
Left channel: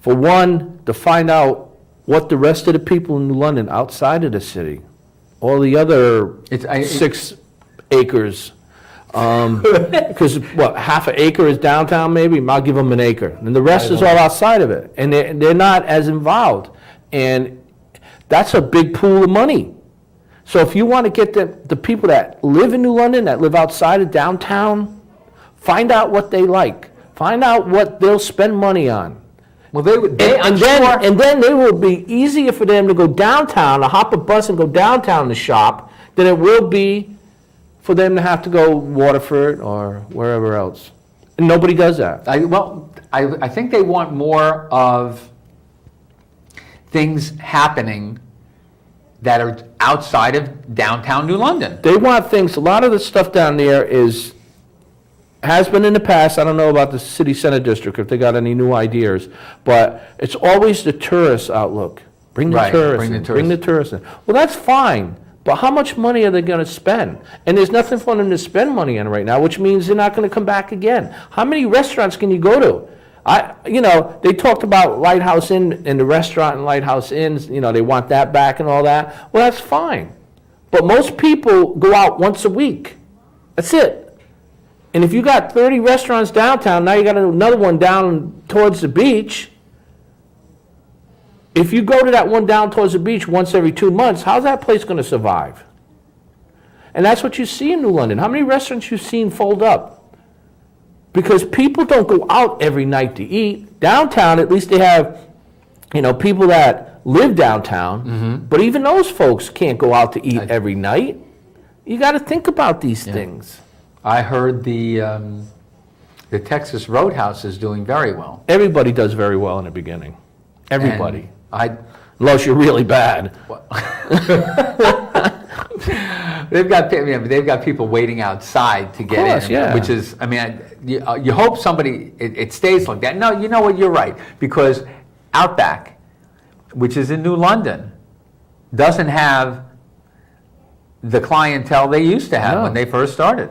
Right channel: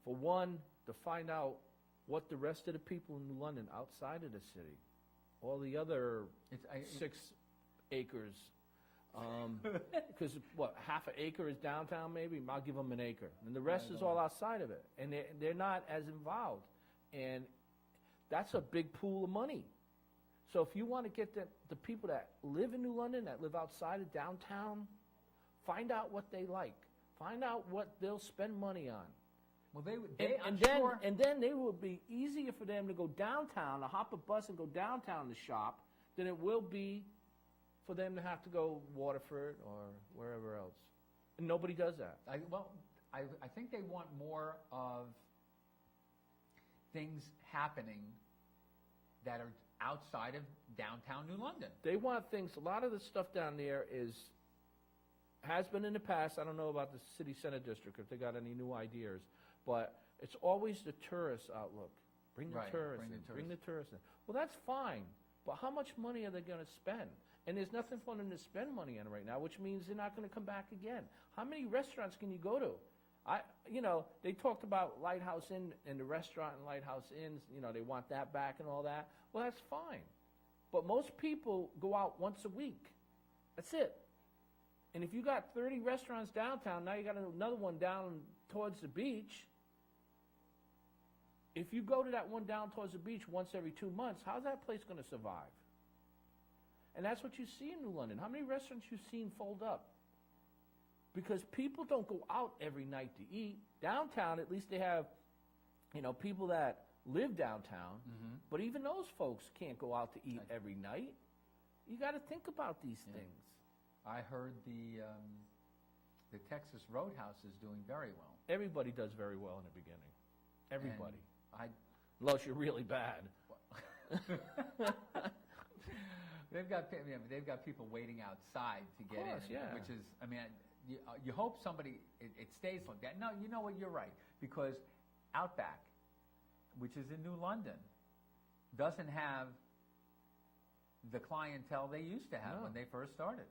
for one, to find out what the rest of the people in New London outside of the city, all the other 6 acres, because what, half an acre is downtown maybe? I'll give them an acre. And the rest is all outside of it. And they're not as involved. And that's a big pool of money. So if you want to get the people that live in New London, that live outside of downtown, find out what they like. Find out what they'll spend money on. Well, And then it will be easier for them to go downtown, to hop a bus and go downtown to shop, than it will be for them to have to go Waterford or wherever else. And nobody does that. I think they want more of things happening that are outside of downtown New London. They want things, a lot of the stuff down there has been in the past. I don't know about the city center district, if they got any new ideas, but it's always the tourist outlook. Bring the tourists in. Well, that's fine, but how much money are they going to spend? And there's nothing for them to spend money on right now, which means they're not going to come back again. How many restaurants can you go to? They talked about Lighthouse Inn and the restaurant and Lighthouse Inns, they want that back and all that. Well, that's fine. But most people go out once a week. That's it. And if you got 30 restaurants downtown, now you got another one down towards the beach. If you go to that one down towards the beach once every 2 months, how's that place going to survive? And that's what you see in New London. How many restaurants you've seen fold up? Because people don't go out every night to eat. Downtown, at least they have, people that live downtown. Mm-hmm. But even those folks can't go out to eat every night. You got to think about these things. I heard the Texas Roadhouse is doing very well. Everybody does very well in the beginning. Everybody. Unless you're really bad. They've got people waiting outside to get in, yeah. Which is, you hope somebody, it stays like that. No, you know what, you're right, because Outback, which is in New London, doesn't have the clientele they used to have when they first started.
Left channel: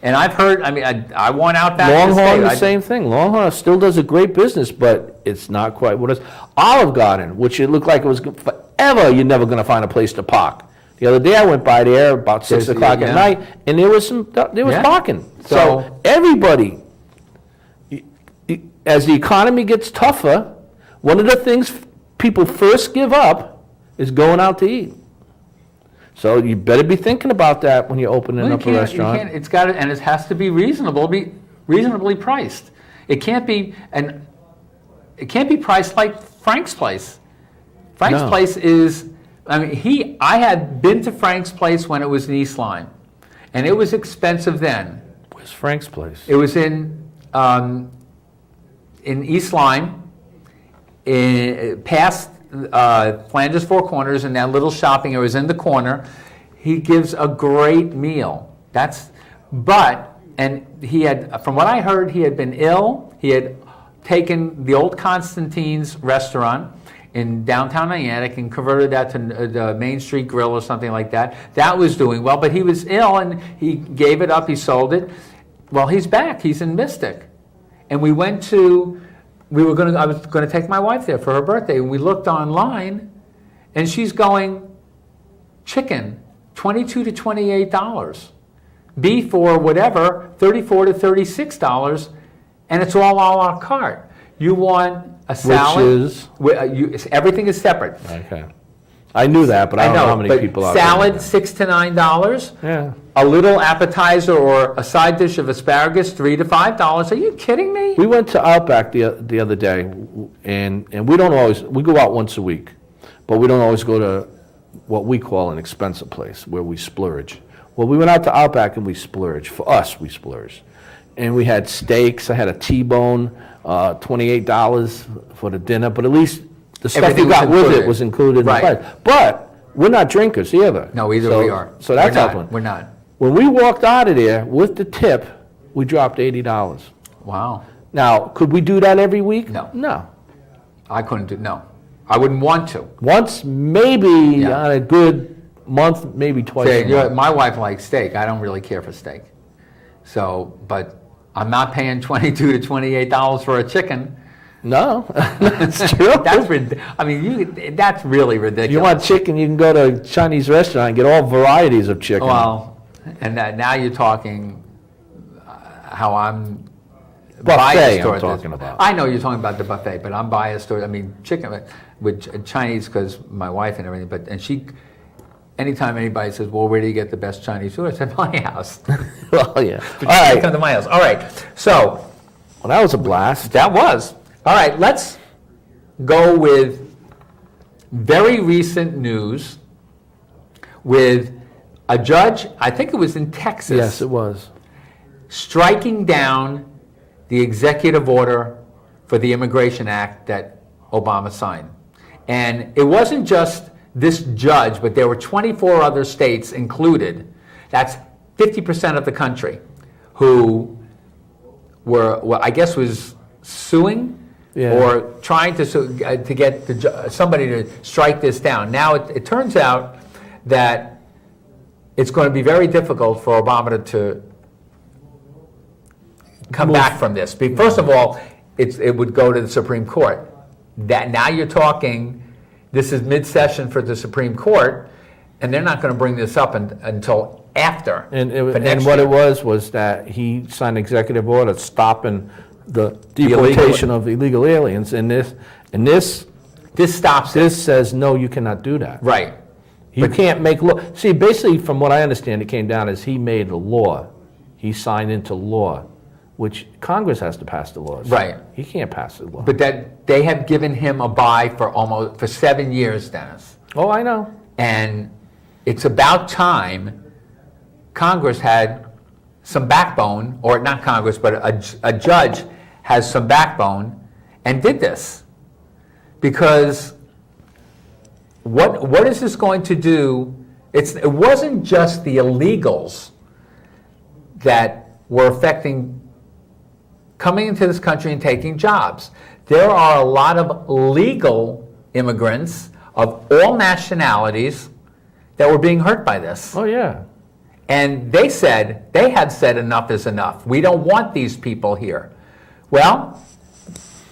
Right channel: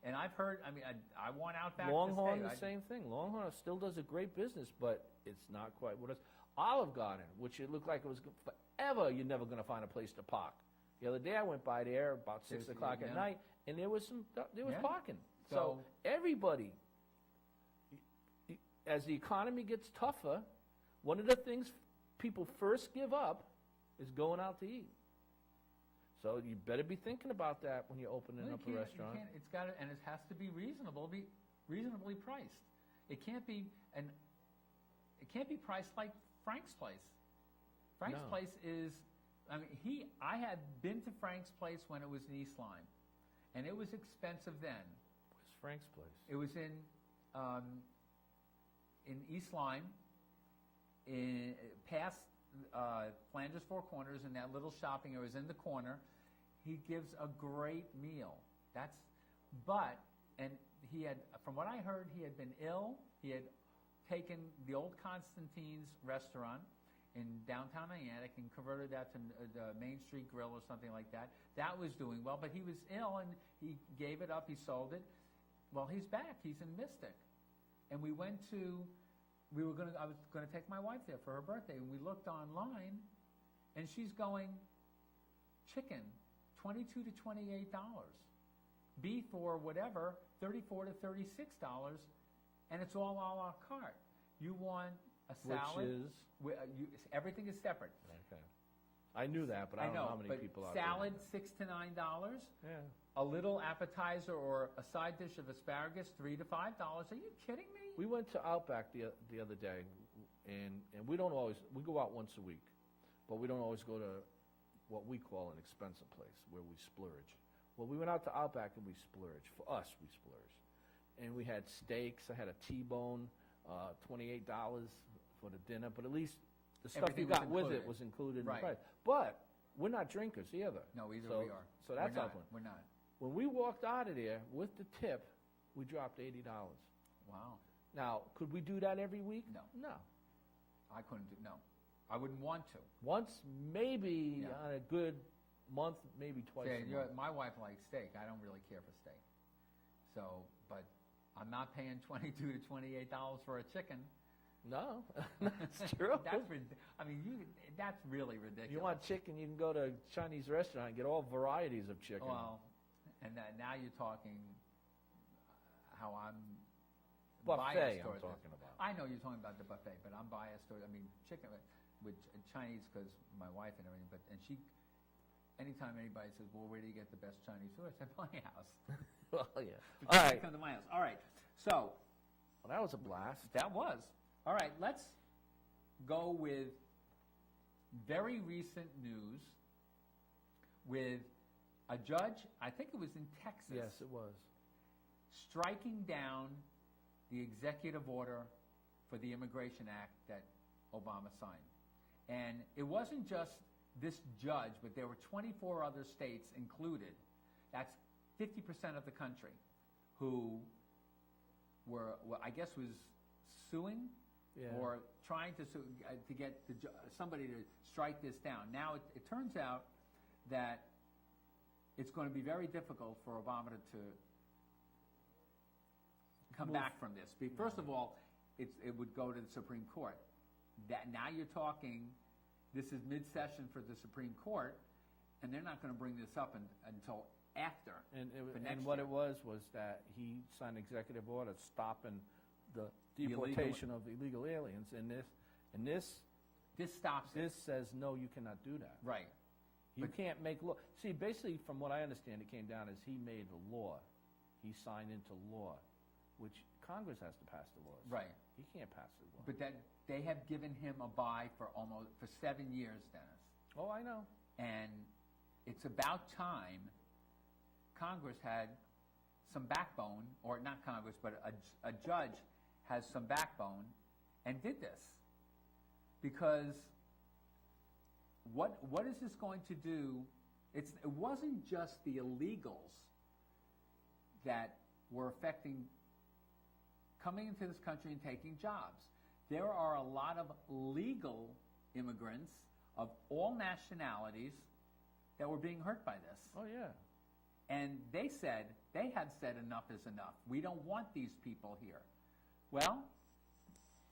And I've heard, I want Outback. Longhorn, the same thing. Longhorn still does a great business, but it's not quite what it is. Olive Garden, which it looked like it was forever, you're never going to find a place to park. The other day I went by there about 6 o'clock at night, and there was parking. So everybody, as the economy gets tougher, one of the things people first give up is going out to eat. So you better be thinking about that when you're opening up a restaurant. It's got to, and it has to be reasonably priced. It can't be priced like Frank's Place. Frank's Place is. I had been to Frank's Place when it was in East Lyme, and it was expensive then. Where's Frank's Place? It was in East Lyme, past Flanders Four Corners, and that little shopping area was in the corner. He gives a great meal. And he had, from what I heard, he had been ill. He had taken the old Constantine's restaurant, in downtown Niantic and converted that to the Main Street Grill or something like that. That was doing well, but he was ill and he gave it up, he sold it. Well, he's back, he's in Mystic. And I was gonna take my wife there for her birthday, and we looked online, and she's going, chicken, $22 to $28. Beef or whatever, $34 to $36, and it's all a la carte. You want a salad? Which is? Everything is separate. Okay. I knew that, but I don't know how many but people out salad, there. $6 to $9. Yeah. A little appetizer or a side dish of asparagus, $3 to $5. Are you kidding me? We went to Outback the other day, and we don't always, we go out once a week, but we don't always go to what we call an expensive place, where we splurge. Well, we went out to Outback and we splurged. For us, we splurged. And we had steaks, I had a T-bone, $28 for the dinner, but at least the stuff Everything you got was with included. it was included in the Right. price. But we're not drinkers either. No, either So- we are. So that's We're not. helping. We're not. When we walked out of there with the tip, we dropped $80. Wow. Now, could we do that every week? No. No. I couldn't do, no. I wouldn't want to. Once, maybe Yeah. on a good month, maybe twice Say, a month. my wife likes steak. I don't really care for steak. So, but I'm not paying $22 to $28 for a chicken. No, that's true. That's really ridiculous. You want chicken, you can go to a Chinese restaurant and get all varieties of chicken. Well, and now you're talking how I'm Buffet, biased I'm toward talking this. about. I know you're talking about the buffet, but I'm biased toward, chicken with Chinese because my wife and everything, and she, anytime anybody says, well, where do you get the best Chinese food? I said, my house. Well, yeah. But All you right. come to my house. All right, so Well, that was a blast. that was. All right, let's go with very recent news with a judge, I think it was in Texas. Yes, it was. Striking down the executive order for the Immigration Act that Obama signed. And it wasn't just this judge, but there were 24 other states included. That's 50% of the country who were, well, I guess was suing Yeah. or trying to get somebody to strike this down. Now, it turns out that it's going to be very difficult for Obama to come back from this. First of all, it would go to the Supreme Court. That now you're talking, this is mid-session for the Supreme Court, and they're not going to bring this up until after. And for next what year. it was that he signed an executive order stopping the illegal- deportation of illegal aliens. And this This stops it. says, no, you cannot do that. Right. You can't make law. See, basically, from what I understand, it came down as he made a law. He signed into law, which Congress has to pass the laws. Right. He can't pass the law. But that they have given him a bye for 7 years, Dennis. Oh, I know. And it's about time Congress had some backbone, or not Congress, but a judge has some backbone and did this. Because what is this going to do? It wasn't just the illegals that were affecting coming into this country and taking jobs. There are a lot of legal immigrants of all nationalities that were being hurt by this. Oh, yeah. And they had said enough is enough. We don't want these people here. Well,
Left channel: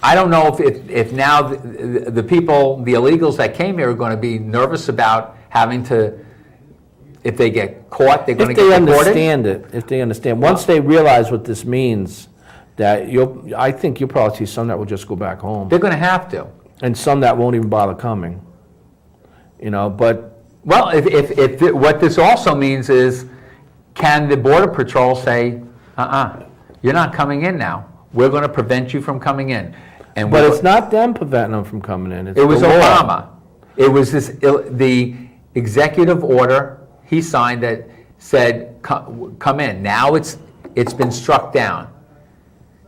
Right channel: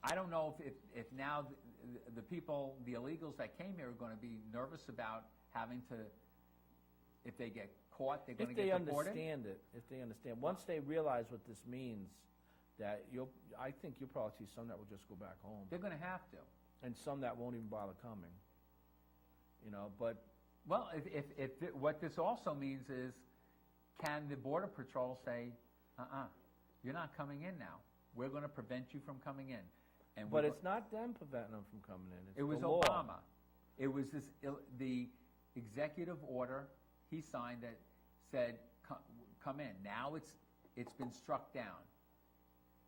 I don't know if now the people, the illegals that came here are going to be nervous about having to, if they get caught, they're going to get deported. If they understand. Once they realize what this means, that I think you'll probably see some that will just go back home. They're going to have to. And some that won't even bother coming. But Well, if what this also means is, can the Border Patrol say, you're not coming in now. We're going to prevent you from coming in. And But it's not them preventing them from coming in. It's it was the law. Obama. It was the executive order he signed that said, come in. Now it's been struck down.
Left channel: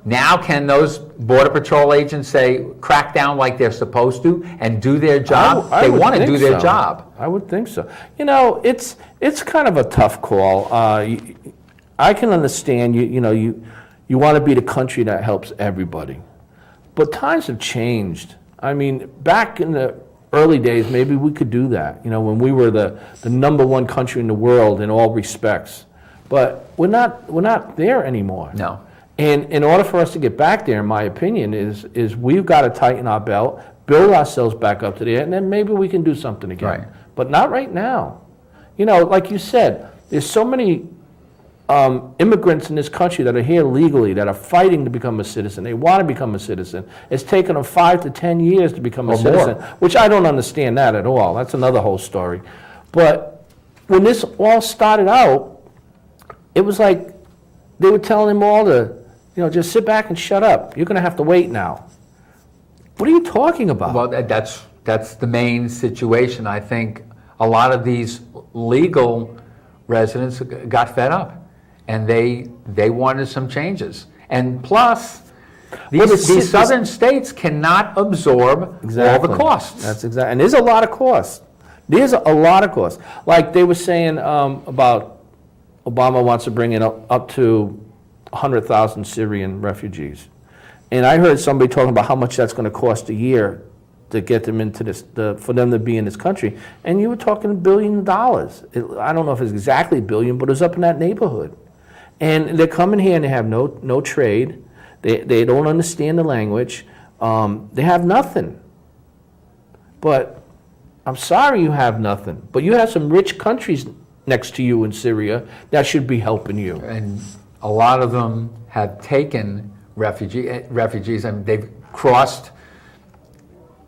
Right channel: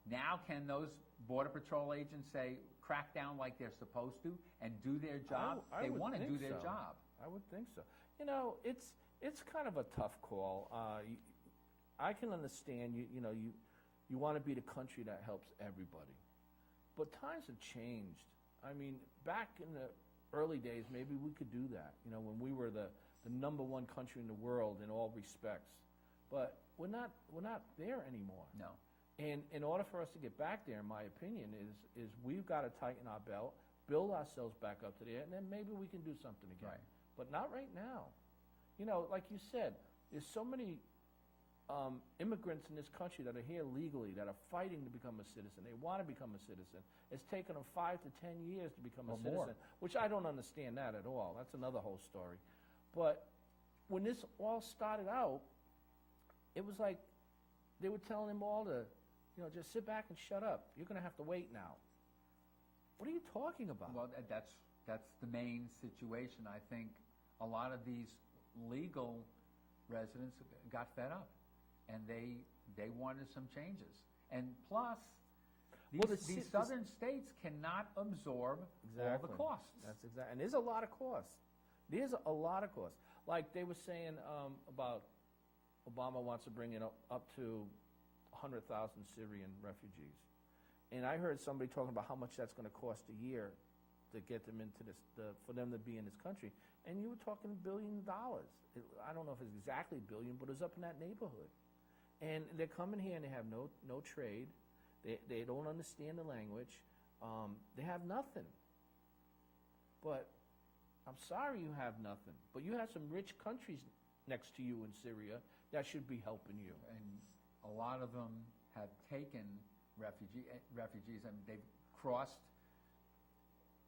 Now can those Border Patrol agents say, crack down like they're supposed to and do their job? I They would want to think do their so. job. I would think so. It's kind of a tough call. I can understand you want to be the country that helps everybody. But times have changed. I mean, back in the early days, maybe we could do that, when we were the number one country in the world in all respects. But we're not there anymore. No. And in order for us to get back there, in my opinion, is we've got to tighten our belt, build ourselves back up to there, and then maybe we can do something again. Right. But not right now. Like you said, there's so many immigrants in this country that are here legally, that are fighting to become a citizen. They want to become a citizen. It's taken them 5 to 10 years to become a citizen, which I don't understand that at all. That's another whole story. But when this all started out, it was like they were telling them all to, just sit back and shut up. You're going to have to wait now. What are you talking about? Well, that's the main situation. I think a lot of these legal residents got fed up, and they wanted some changes. And plus, these southern states cannot absorb all the costs. That's exactly, and there's a lot of costs. There's a lot of costs. Like they were saying about Obama wants to bring in up to 100,000 Syrian refugees. And I heard somebody talking about how much that's going to cost a year to get them into this, for them to be in this country. And you were talking $1 billion. I don't know if it's exactly $1 billion, but it was up in that neighborhood. And they're coming here and they have no trade. They don't understand the language. They have nothing. But I'm sorry you have nothing. But you have some rich countries next to you in Syria that should be helping you. And a lot of them have taken refugees, and they've crossed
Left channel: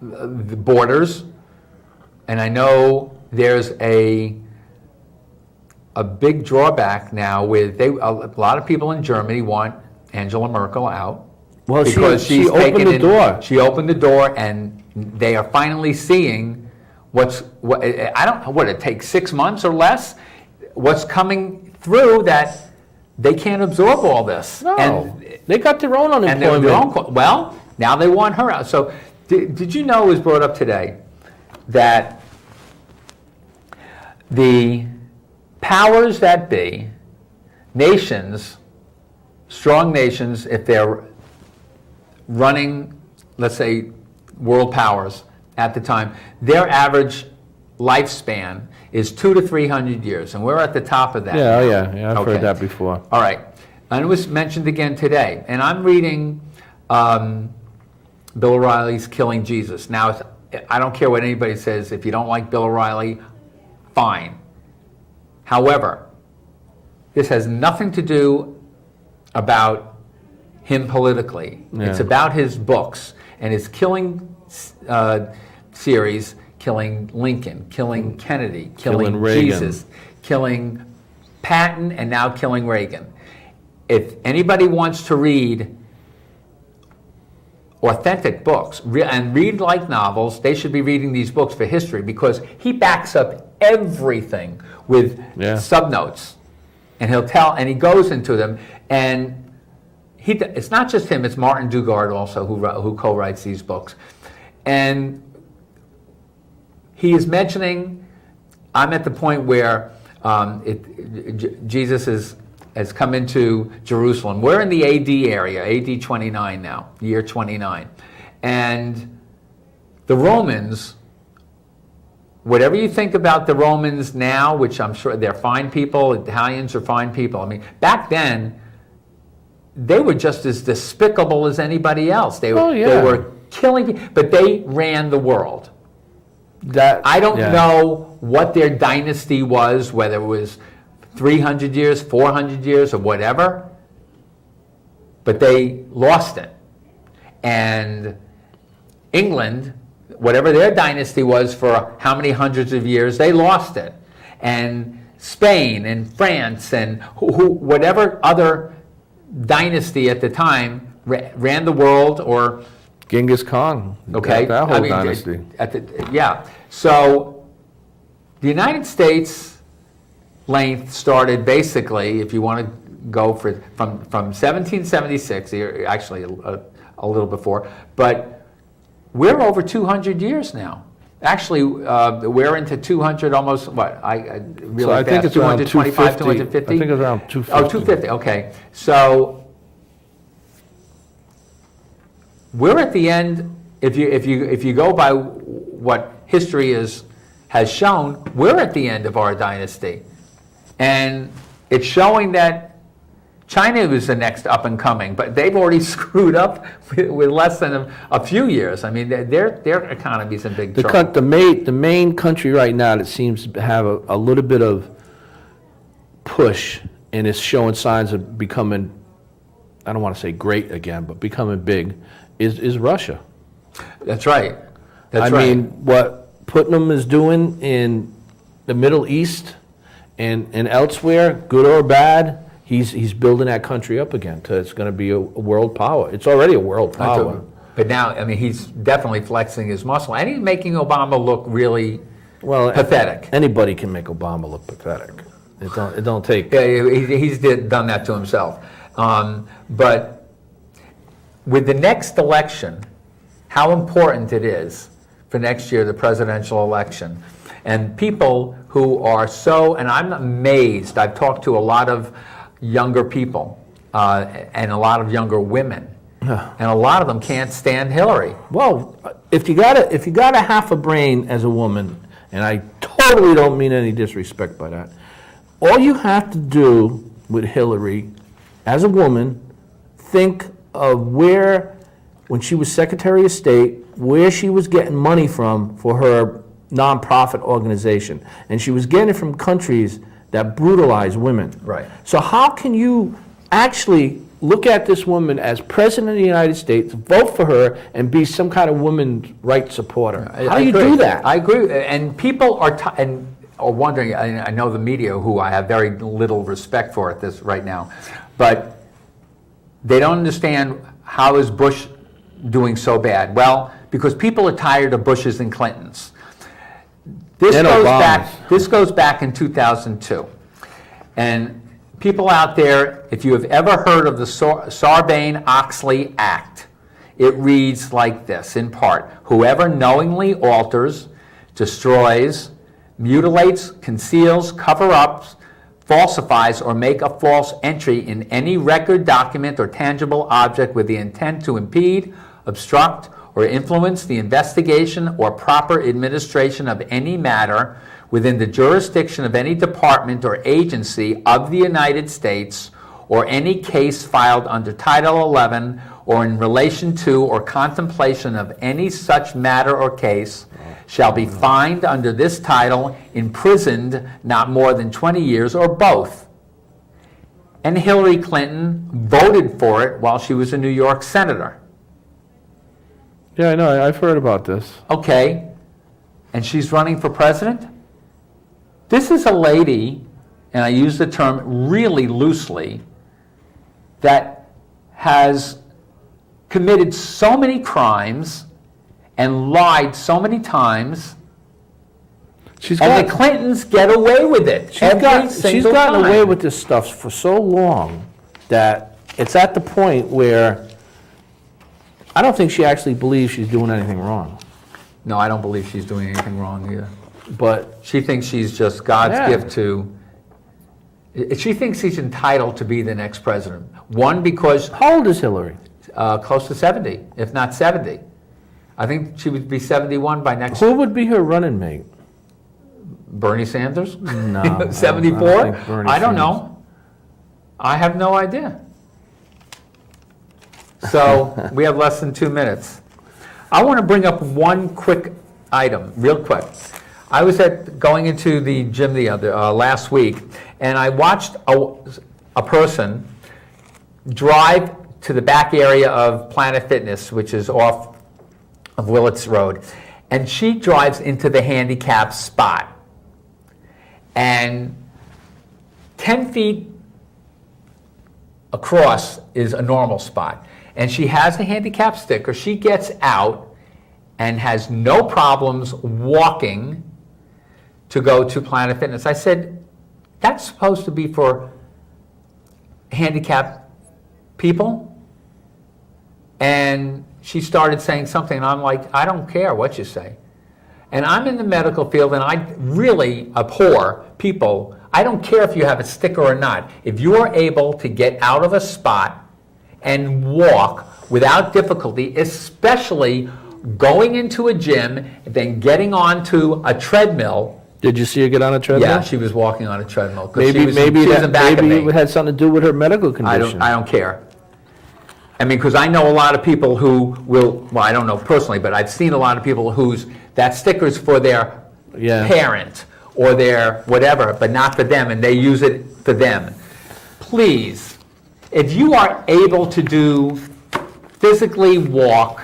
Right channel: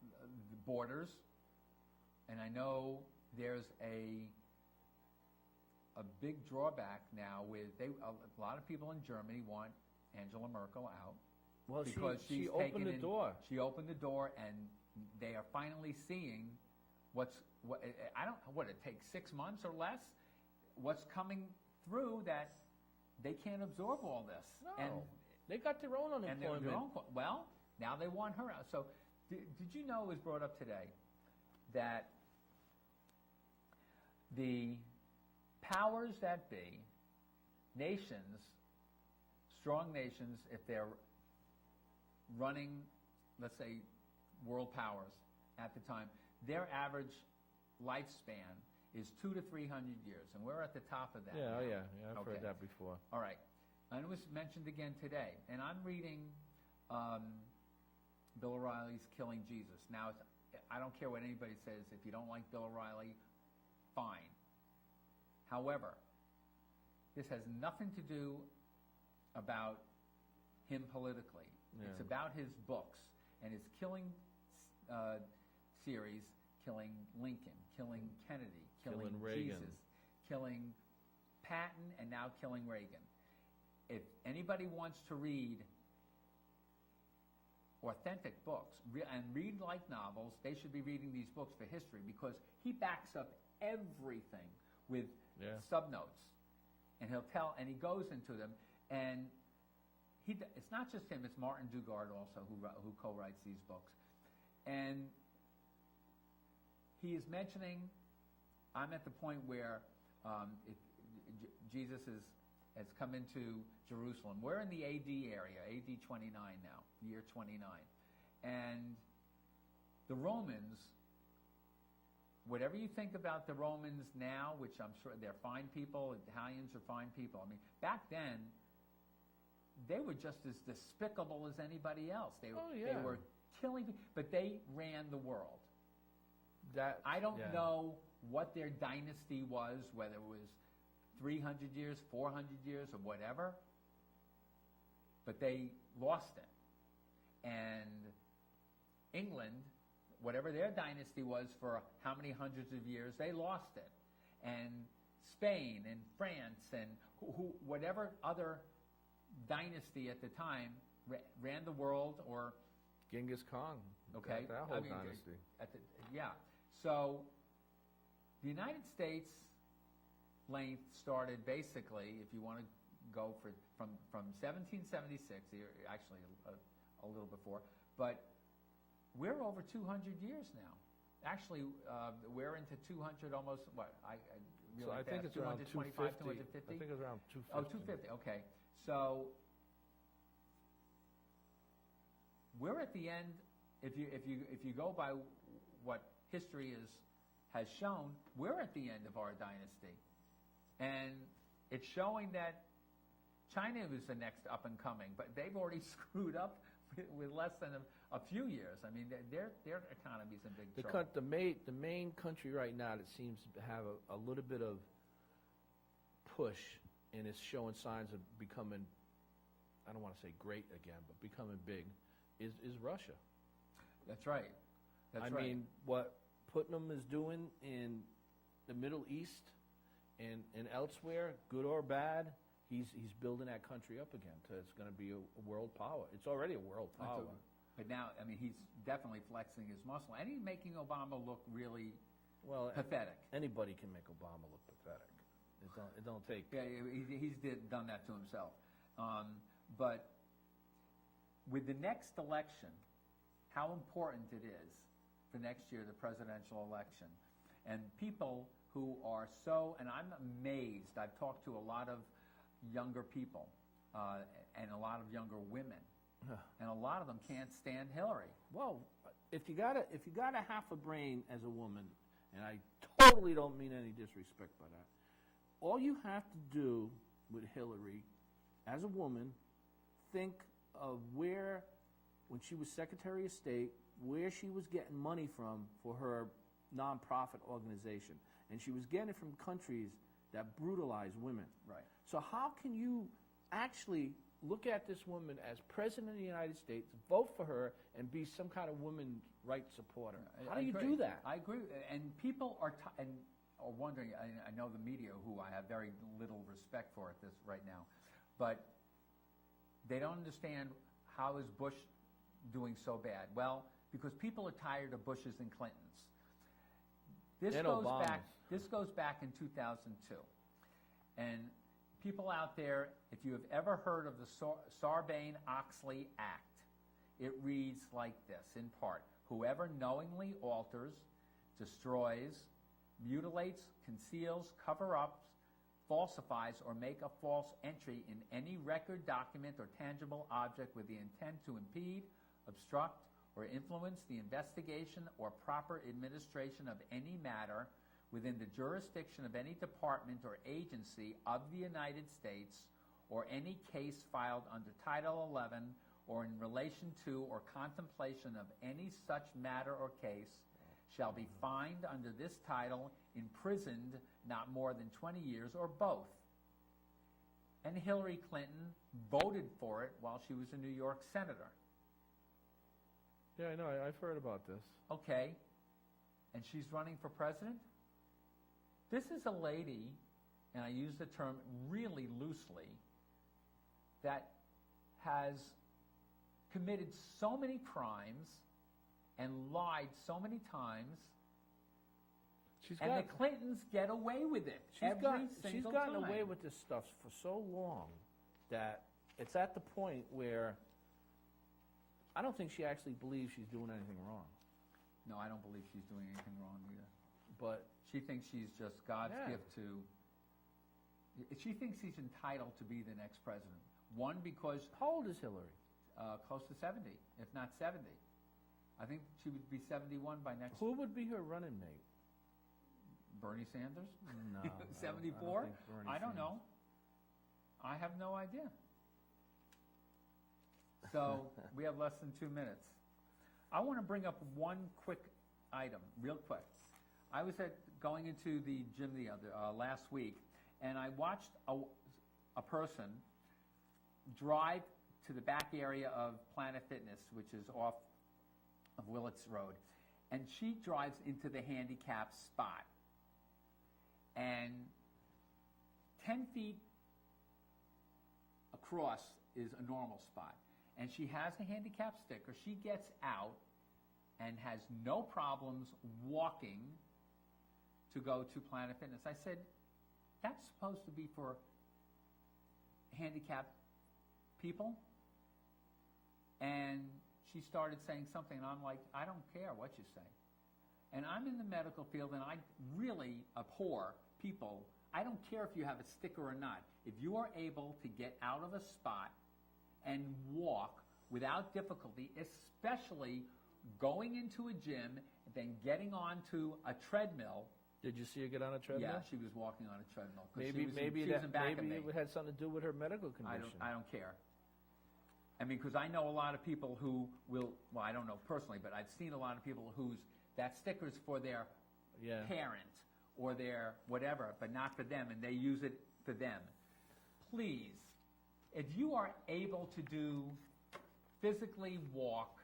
the borders. And I know there's a big drawback now with a lot of people in Germany want Angela Merkel out. Well, because she she's opened taken the door. She opened the door, and they are finally seeing I don't know what it takes, 6 months or less, what's coming through, that they can't absorb all this. No, And they got their own and unemployment. well, now they want her out. So did you know, it was brought up today, that the powers that be, nations, strong nations, if they're running, let's say, world powers at the time, their average lifespan is 200 to 300 years, and we're at the top of that. Yeah, I've Okay. heard that before. All right, and it was mentioned again today, and I'm reading Bill O'Reilly's Killing Jesus. Now, I don't care what anybody says. If you don't like Bill O'Reilly, fine. However, this has nothing to do about him politically. Yeah. It's about his books and his killing series, killing Lincoln, killing Kennedy, killing Reagan. Jesus, killing Patton, and now killing Reagan. If anybody wants to read authentic books and read like novels, they should be reading these books for history, because he backs up everything with subnotes, and he goes into them, and it's not just him, it's Martin Dugard also who co-writes these books. And he is mentioning, I'm at the point where Jesus has come into Jerusalem. We're in the AD area, AD 29 now, year 29. And the Romans, whatever you think about the Romans now, which I'm sure they're fine people, Italians are fine people. I mean, back then, they were just as despicable as anybody else. They were killing people, but they ran the world. I don't know what their dynasty was, whether it was 300 years, 400 years, or whatever, but they lost it. And England, whatever their dynasty was for how many hundreds of years, they lost it. And Spain and France and whatever other dynasty at the time ran the world, or Genghis Khan. okay, That whole dynasty. So the United States length started basically, if you want to go from 1776, actually a little before, but we're over 200 years now. Actually, we're into 200, almost, I think it's around 225, 250. 250? I think it's around 250. Oh, 250, okay. So we're at the end if you go by what history has shown, we're at the end of our dynasty. And it's showing that China was the next up and coming, but they've already screwed up with less than a few years. I mean, their economy's in big trouble. The main country right now that seems to have a little bit of push and is showing signs of becoming, I don't want to say great again, but becoming big, is Russia. That's right. That's I right. mean, what Putnam is doing in the Middle East and elsewhere, good or bad, he's building that country up again. It's going to be a world power. It's already a world power. But now, I mean, he's definitely flexing his muscle, and he's making Obama look really pathetic. Anybody can make Obama look pathetic. It don't take. Yeah, he's done that to himself. But with the next election, how important it is for next year, the presidential election. And people who are so, and I'm amazed, I've talked to a lot of younger people and a lot of younger women, and a lot of them can't stand Hillary. Well, if you got a half a brain as a woman, and I totally don't mean any disrespect by that, all you have to do with Hillary, as a woman, think of where, when she was Secretary of State, where she was getting money from for her nonprofit organization. And she was getting it from countries that brutalize women. Right. So how can you actually look at this woman as President of the United States, vote for her, and be some kind of women's rights supporter? How do you do that? I agree. And people are wondering, I know the media, who I have very little respect for at this right now, but they don't understand how is Bush doing so bad. Well, because people are tired of Bushes and Clintons. This goes back in 2002. And people out there, if you have ever heard of the Sarbanes-Oxley Act, it reads like this, in part: whoever knowingly alters, destroys, mutilates, conceals, cover-ups, falsifies, or make a false entry in any record, document, or tangible object with the intent to impede, obstruct, or influence the investigation or proper administration of any matter within the jurisdiction of any department or agency of the United States, or any case filed under Title 11, or in relation to or contemplation of any such matter or case, shall be fined under this title, imprisoned not more than 20 years, or both. And Hillary Clinton voted for it while she was a New York senator. Yeah, I know. I've heard about this. Okay, and she's running for president? This is a lady, and I use the term really loosely, that has committed so many crimes and lied so many times, and the Clintons get away with it. She's gotten away with this stuff for so long that it's at the point where I don't think she actually believes she's doing anything wrong. No, I don't believe she's doing anything wrong either. But She thinks she's just God's gift to... She thinks she's entitled to be the next president. One, because... How old is Hillary? Close to 70, if not 70. I think she would be 71 by next... Who would be her running mate? Bernie Sanders? No. 74? I I don't know. I have no idea. So we have less than 2 minutes. I want to bring up one quick item, real quick. I was going into the gym last week, and I watched a person drive to the back area of Planet Fitness, which is off of Willits Road, and she drives into the handicap spot. And 10 feet across is a normal spot. And she has a handicap sticker. She gets out and has no problems walking to go to Planet Fitness. I said, that's supposed to be for handicapped people? And she started saying something, and I'm like, I don't care what you say. And I'm in the medical field, and I really abhor people. I don't care if you have a sticker or not. If you are able to get out of a spot and walk without difficulty, especially going into a gym, then getting onto a treadmill. Did you see her get on a treadmill? Yeah, she was walking on a treadmill. 'Cause she Maybe, was, maybe she was that, in back of maybe me. it had something to do with her medical I condition. don't care. I mean, because I know a lot of people who will, well, I don't know personally, but I've seen a lot of people whose, that sticker's for their Yeah. parent or their whatever, but not for them, and they use it for them. Please, if you are able to physically walk,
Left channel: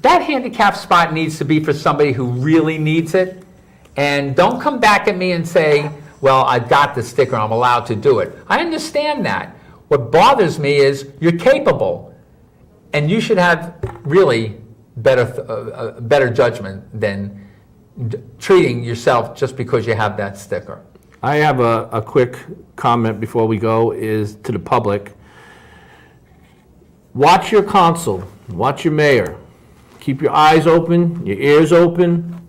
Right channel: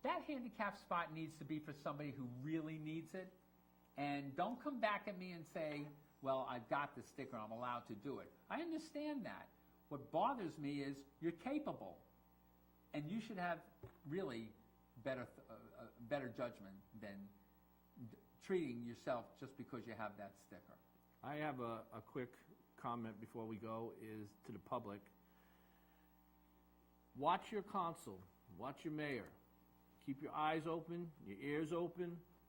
that handicap spot needs to be for somebody who really needs it. And don't come back at me and say, well, I got the sticker, I'm allowed to do it. I understand that. What bothers me is you're capable, and you should have really better judgment than treating yourself just because you have that sticker. I have a quick comment before we go, is to the public. Watch your council, watch your mayor. Keep your eyes open, your ears open,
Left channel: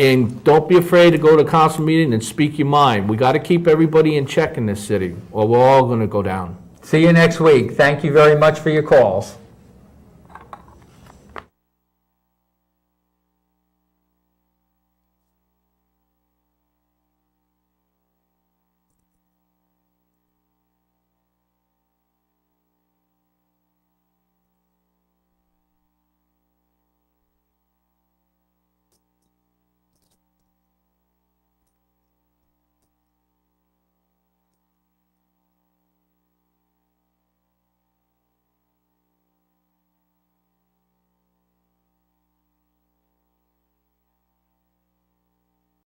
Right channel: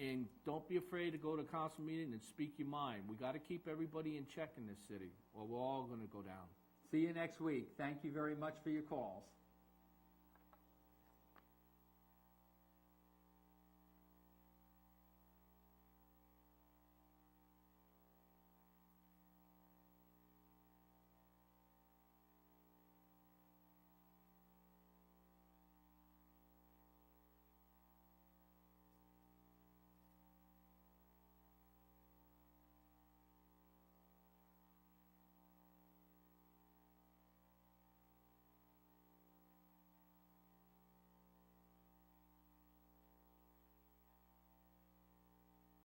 and don't be afraid to go to a council meeting and speak your mind. We got to keep everybody in check in this city, or we're all going to go down. See you next week. Thank you very much for your calls.